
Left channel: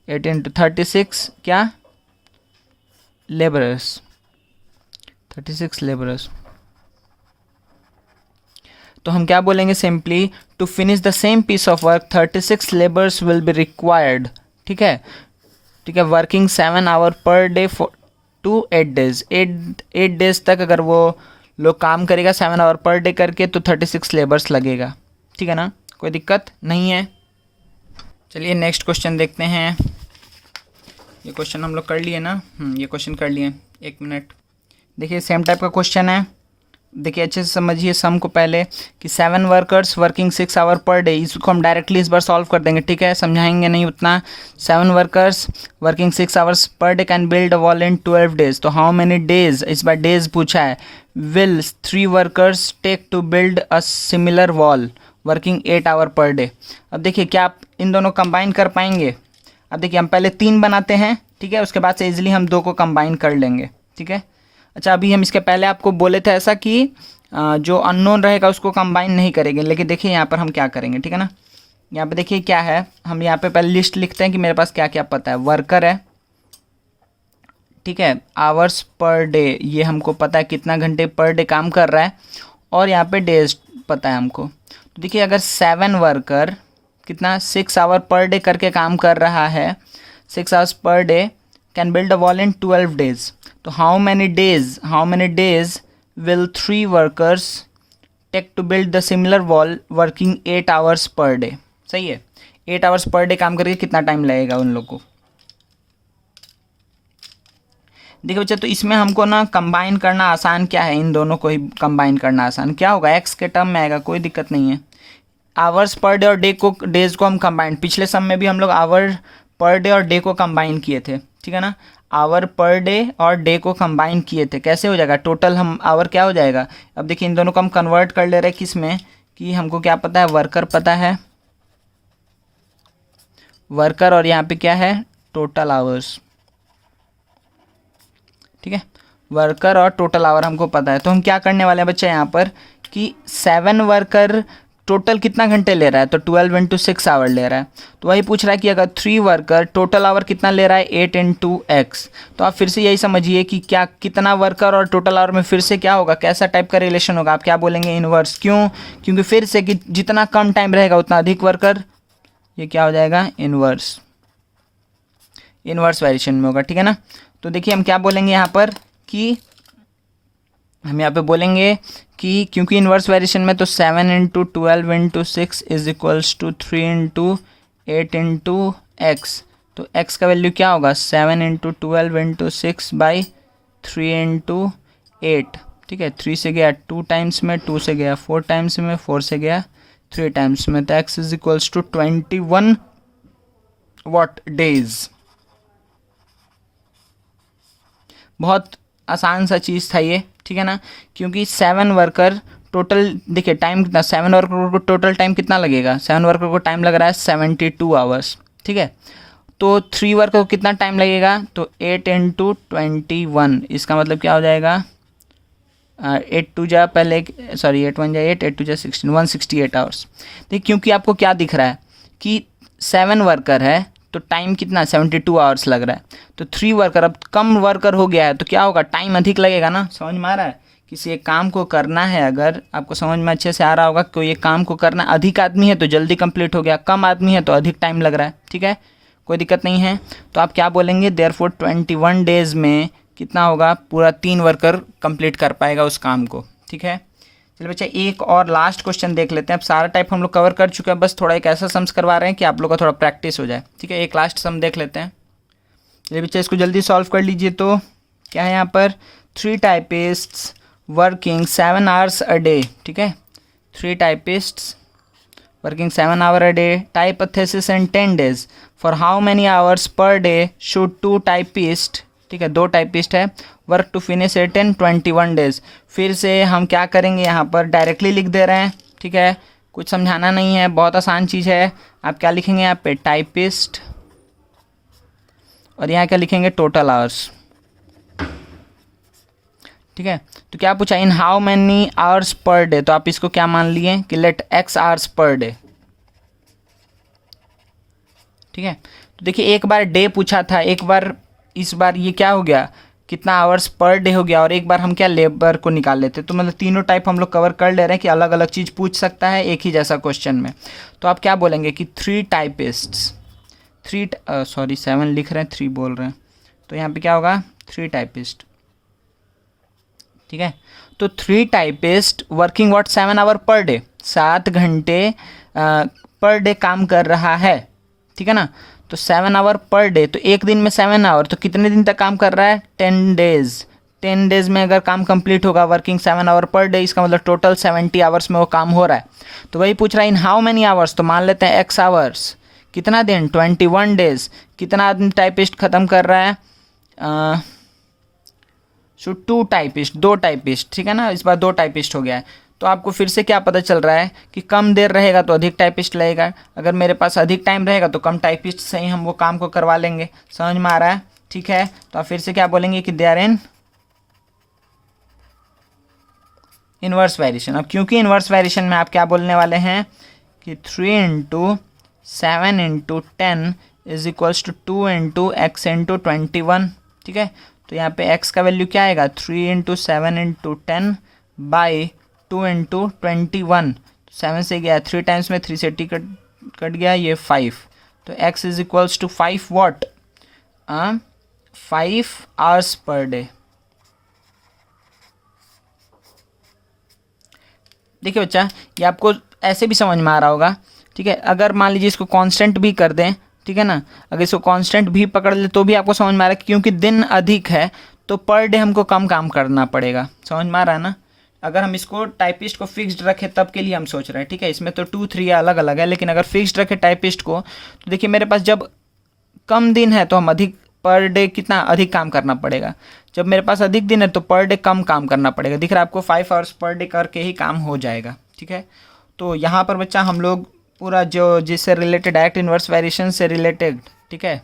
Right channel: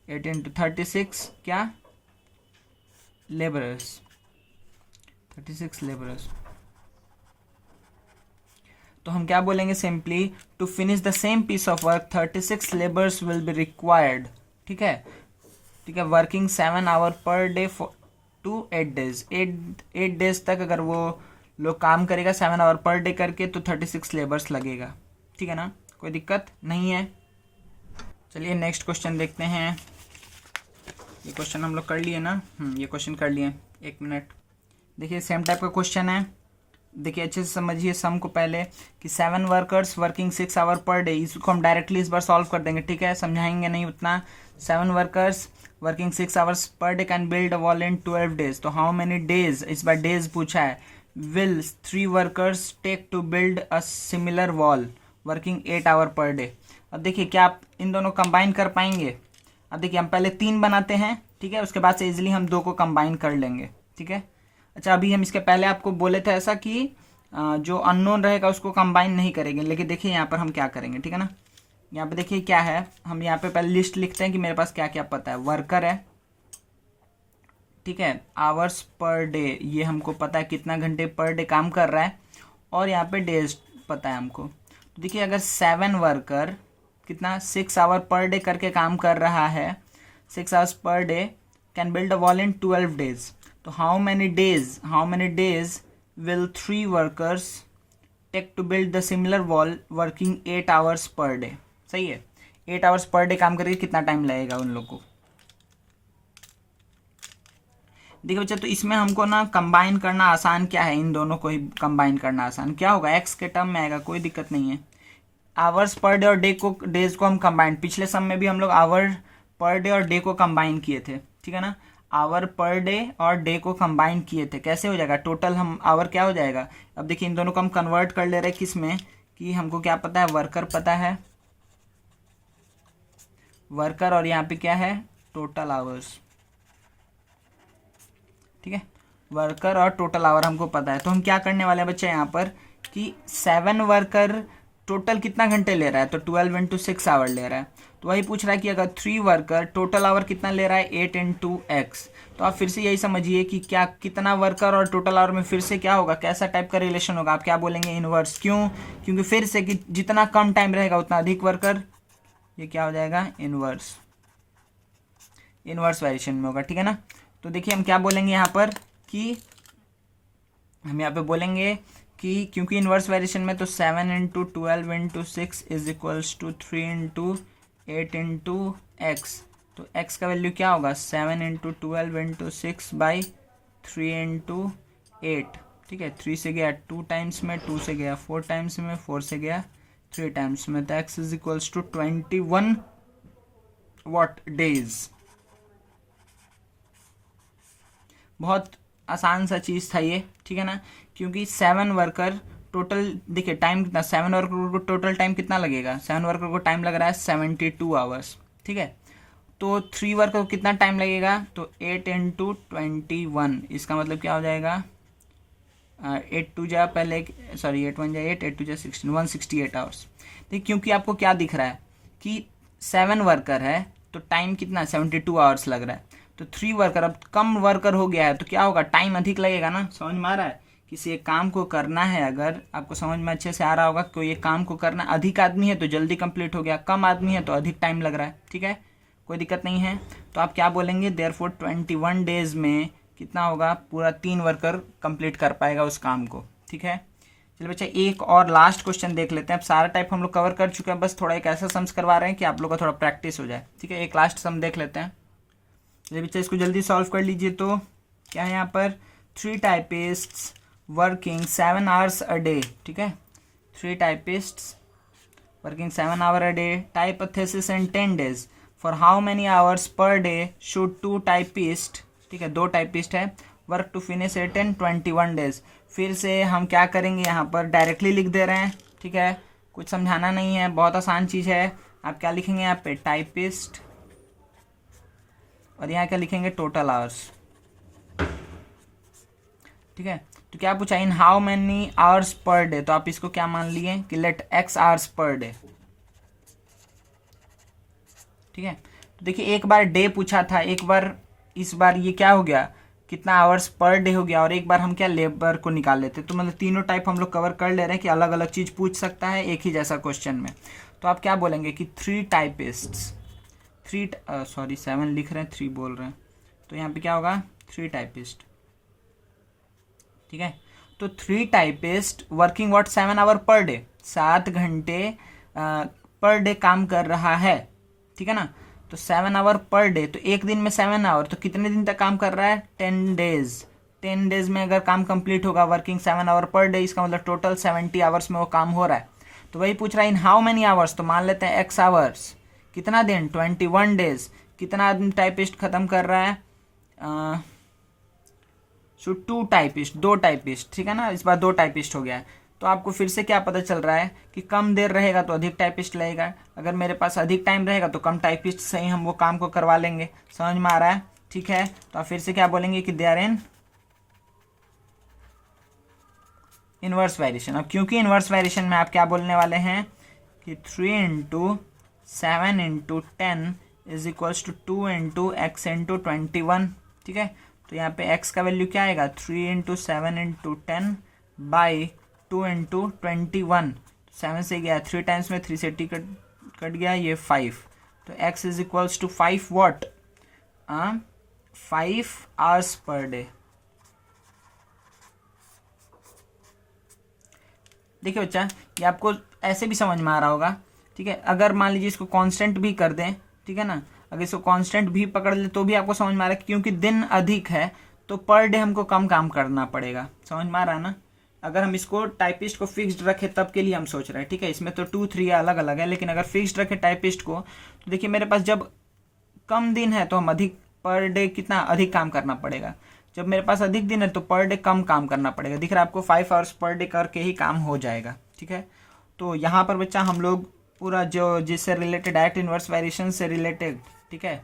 8 इंटू 36 क्या, लेबरर्स, 36 लेबरर्स। तो हम क्या बोलेंगे, simply to finish the same piece of work 36 labours will be required, ठीक है, ठीक है, working 7 hour per day to 8 days, 8 days तक अगर वो लोग काम करेगा 7 आवर पर डे करके तो 36 लेबर्स लगेगा, ठीक है ना, कोई दिक्कत नहीं है। चलिए नेक्स्ट क्वेश्चन देखते हैं। ये क्वेश्चन हम लोग कर लिए ना, ये क्वेश्चन कर लिए। एक मिनट, देखिए सेम टाइप का क्वेश्चन है, देखिए अच्छे से समझिए सम को पहले कि 7 workers working 6 hour per day, इसको हम डायरेक्टली इस बार सॉल्व कर देंगे, ठीक है, समझाएंगे नहीं उतना। 7 वर्कर्स वर्किंग 6 आवर्स पर day can build a wall in 12 days, तो हाउ मेनी डेज, इस बार डेज पूछा है। Will 3 workers take to build a similar wall working 8 hour per day. अब देखिए क्या आप इन दोनों कंबाइन कर पाएंगे। अब देखिए हम पहले 3 बनाते हैं, ठीक है, उसके बाद से इजीली हम 2 को कंबाइन कर लेंगे, ठीक है। अच्छा अभी हम इसके पहले आपको बोले थे ऐसा कि जो अननोन रहेगा उसको कंबाइन नहीं करेंगे, लेकिन देखिए यहाँ पर हम क्या करेंगे, ठीक है ना। यहाँ पे देखिए क्या है, हम यहाँ पे पहले लिस्ट लिखते हैं कि मेरे पास क्या क्या पता है। वर्कर है, ठीक है, आवर्स पर डे, ये हमको पता है कितना घंटे पर डे काम कर रहा है, और यहाँ पे डेज पता है हमको। तो देखिए अगर 7 वर्कर कितना 6 आवर पर डे करके काम कर रहा है, 6 आवर्स पर day can build a wall in 12 days, तो how many days will 3 workers take to build the similar wall working 8 hours पर डे। सही है, 8 आवर्स पर डे काम करके कितना टाइम लगेगा उन लोग को। देखिए बच्चा, तो इसमें हमको ना कंबाइन करना आसान क्या है, इन दोनों को ही कंबाइन करना आसान क्या होगा, एक्स के टर्म में आएगा, कोई दिक्कत नहीं है। आवर्स पर डे और डेज को हम कंबाइन, पिछले सम में भी हम लोग आवर पर डे और डे को कंबाइन किए थे, ठीक है ना। आवर पर डे और डे को कंबाइन किए थे, कैसे हो जाएगा, टोटल हम आवर क्या हो जाएगा। अब देखिए इन दोनों को हम कन्वर्ट कर ले रहे हैं किस में, कि हमको क्या पता है, वर्कर पता है, वर्कर, और यहाँ पे क्या है, टोटल आवर्स, ठीक है, वर्कर और टोटल आवर हमको पता है। तो हम क्या करने वाले हैं बच्चे यहाँ पर कि 7 वर्कर टोटल कितना घंटे ले रहा है, तो 12 इंटू 6 आवर ले रहा है। तो वही पूछ रहा है कि अगर 3 वर्कर टोटल आवर कितना ले रहा है, 8 इंटू एक्स। तो आप फिर से यही समझिए कि क्या कितना वर्कर और टोटल आवर में फिर से क्या होगा, कैसा टाइप का रिलेशन होगा, आप क्या बोलेंगे, इनवर्स। क्यों, क्योंकि फिर से कि जितना कम टाइम रहेगा उतना अधिक वर्कर, ये क्या हो जाएगा, इनवर्स वेरिएशन में होगा, ठीक है ना। तो देखिए हम क्या बोलेंगे यहाँ पर कि हम यहाँ पे बोलेंगे कि क्योंकि इन्वर्स वेरिएशन में, तो 7 into 12 into 6 is equals to 3 into 8 into x. तो एक्स का वैल्यू क्या होगा, 7 इंटू 12 इंटू 6 बाई 3 इंटू 8, ठीक है। 3 से गया 2 टाइम्स में, 2 से गया 4 टाइम्स में, 4 से गया 3 टाइम्स में, तो x is equals to 21 what days. बहुत आसान सा चीज़ था ये, ठीक है ना, क्योंकि 7 वर्कर टोटल, देखिए टाइम कितना, 7 वर्कर को टोटल टाइम कितना लगेगा, 7 वर्कर को टाइम लग रहा है 72 आवर्स, ठीक है। तो 3 वर्कर को कितना टाइम लगेगा, तो 8 इंटू 21, इसका मतलब क्या हो जाएगा, 8 टू जा पहले, सॉरी 8 1 जा 8, 8 टू जा 16, 168 आवर्स। देखिए क्योंकि आपको क्या दिख रहा है कि 7 वर्कर है तो टाइम कितना, 72 आवर्स लग रहा है। तो 3 वर्कर, अब कम वर्कर हो गया है तो क्या होगा, टाइम अधिक लगेगा ना। समझ में आ रहा है, किसी एक काम को करना है, अगर आपको समझ में अच्छे से आ रहा होगा, कोई एक काम को करना, अधिक आदमी है तो जल्दी कंप्लीट हो गया, कम आदमी है तो अधिक टाइम लग रहा है, ठीक है, कोई दिक्कत नहीं है। तो आप क्या बोलेंगे, देयरफॉर 21 डेज में कितना होगा, पूरा 3 वर्कर कंप्लीट कर पाएगा उस काम को, ठीक है। चलिए बच्चा एक और लास्ट क्वेश्चन देख लेते हैं। अब सारा टाइप हम लोग कवर कर चुके हैं, बस थोड़ा एक ऐसा सम्स करवा रहे हैं कि आप लोग का थोड़ा प्रैक्टिस हो जाए, ठीक है। एक लास्ट सम देख लेते हैं। चलिए बच्चा इसको जल्दी सॉल्व कर लीजिए। तो क्या है यहाँ पर, 3 typists working 7 hours a day, ठीक है, 3 typists working 7 hour a day, type a thesis in 10 days, for how many hours पर डे शुड 2 टाइपिस्ट, ठीक है, 2 टाइपिस्ट है, work to finish it in 21 days. फिर से हम क्या करेंगे, यहाँ पर डायरेक्टली लिख दे रहे हैं, ठीक है, कुछ समझाना नहीं है, बहुत आसान चीज़ है। आप क्या लिखेंगे यहाँ पे, टाइपिस्ट, और यहाँ क्या लिखेंगे, टोटल आवर्स, ठीक है। तो क्या पूछा, इन हाउ मैनी आवर्स पर डे, तो आप इसको क्या मान लिए कि लेट एक्स आवर्स पर डे, ठीक है। तो देखिए एक बार डे पूछा था, एक बार, इस बार ये क्या हो गया, कितना आवर्स पर डे हो गया, और एक बार हम क्या लेबर को निकाल लेते। तो मतलब तीनों टाइप हम लोग कवर कर ले रहे हैं कि अलग अलग चीज़ पूछ सकता है एक ही जैसा क्वेश्चन में। तो आप क्या बोलेंगे कि 3 टाइपिस्ट्स, 7 लिख रहे हैं, 3 बोल रहे हैं, तो यहाँ पे क्या होगा 3 टाइपिस्ट, ठीक है। तो 3 typist working what 7 hour per day, 7 घंटे पर डे काम कर रहा है, ठीक है ना। तो 7 आवर पर डे, तो एक दिन में 7 आवर, तो कितने दिन तक काम कर रहा है 10 डेज। 10 डेज में अगर काम कंप्लीट होगा वर्किंग 7 आवर पर डे, इसका मतलब टोटल 70 आवर्स में वो काम हो रहा है। तो वही पूछ रहा है इन हाउ मैनी आवर्स, तो मान लेते हैं x आवर्स, कितना दिन 21 डेज। कितना आदमी टाइपिस्ट ख़त्म कर रहा है, सो 2 टाइपिस्ट, 2 टाइपिस्ट, ठीक है ना। इस बार 2 टाइपिस्ट हो गया है। तो आपको फिर से क्या पता चल रहा है कि कम देर रहेगा तो अधिक टाइपिस्ट लगेगा, अगर मेरे पास अधिक टाइम रहेगा तो कम टाइपिस्ट से ही हम वो काम को करवा लेंगे। समझ में आ रहा है, ठीक है। तो आप फिर से क्या बोलेंगे कि they are in inverse variation. अब क्योंकि इन्वर्स वेरिएशन में आप क्या बोलने वाले हैं कि 3 into 7 into 10 is equals to 2 into x into 21, ठीक है। तो यहाँ पे x का वैल्यू क्या आएगा 3 इंटू 7 इंटू 10 बाई 2 इंटू 21। 7 से गया 3 टाइम्स में 3 से टी कट गया, ये 5। तो x is equals to 5 what 5 hours पर डे। देखिए बच्चा, ये आपको ऐसे भी समझ में आ रहा होगा, ठीक है। अगर मान लीजिए इसको कांस्टेंट भी कर दें, ठीक है ना, अगर इसको कांस्टेंट भी पकड़ ले तो भी आपको समझ में आ रहा है, क्योंकि दिन अधिक है तो पर डे हमको कम काम करना पड़ेगा। समझ में आ रहा है ना। अगर हम इसको टाइपिस्ट को फिक्स्ड रखें तब के लिए हम सोच रहे हैं, ठीक है। इसमें तो 2 3 अलग अलग है, लेकिन अगर फिक्स्ड रखें टाइपिस्ट को तो देखिए मेरे पास जब कम दिन है तो हम अधिक पर डे कितना अधिक काम करना पड़ेगा, जब मेरे पास अधिक दिन है तो पर डे कम काम करना पड़ेगा। दिख रहा है आपको 5 आवर्स पर डे करके ही काम हो जाएगा, ठीक है। तो यहाँ पर बच्चा हम लोग पूरा जो जिससे रिलेटेड डायरेक्ट इन्वर्स वेरिएशन से रिलेटेड, ठीक है,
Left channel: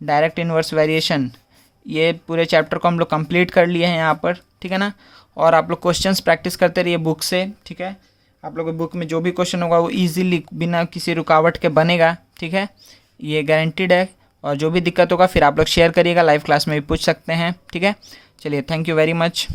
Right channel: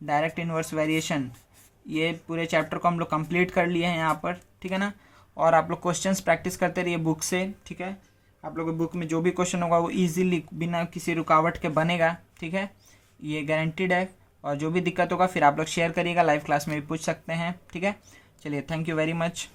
डायरेक्ट इन्वर्स वेरिएशन, ये पूरे चैप्टर को हम लोग कंप्लीट कर लिए हैं यहाँ पर, ठीक है ना। और आप लोग क्वेश्चंस प्रैक्टिस करते रहिए बुक से, ठीक है। आप लोगों की बुक में जो भी क्वेश्चन होगा वो इजीली बिना किसी रुकावट के बनेगा, ठीक है, ये गारंटीड है। और जो भी दिक्कत होगा फिर आप लोग शेयर करिएगा, लाइव क्लास में भी पूछ सकते हैं, ठीक है। चलिए, थैंक यू वेरी मच।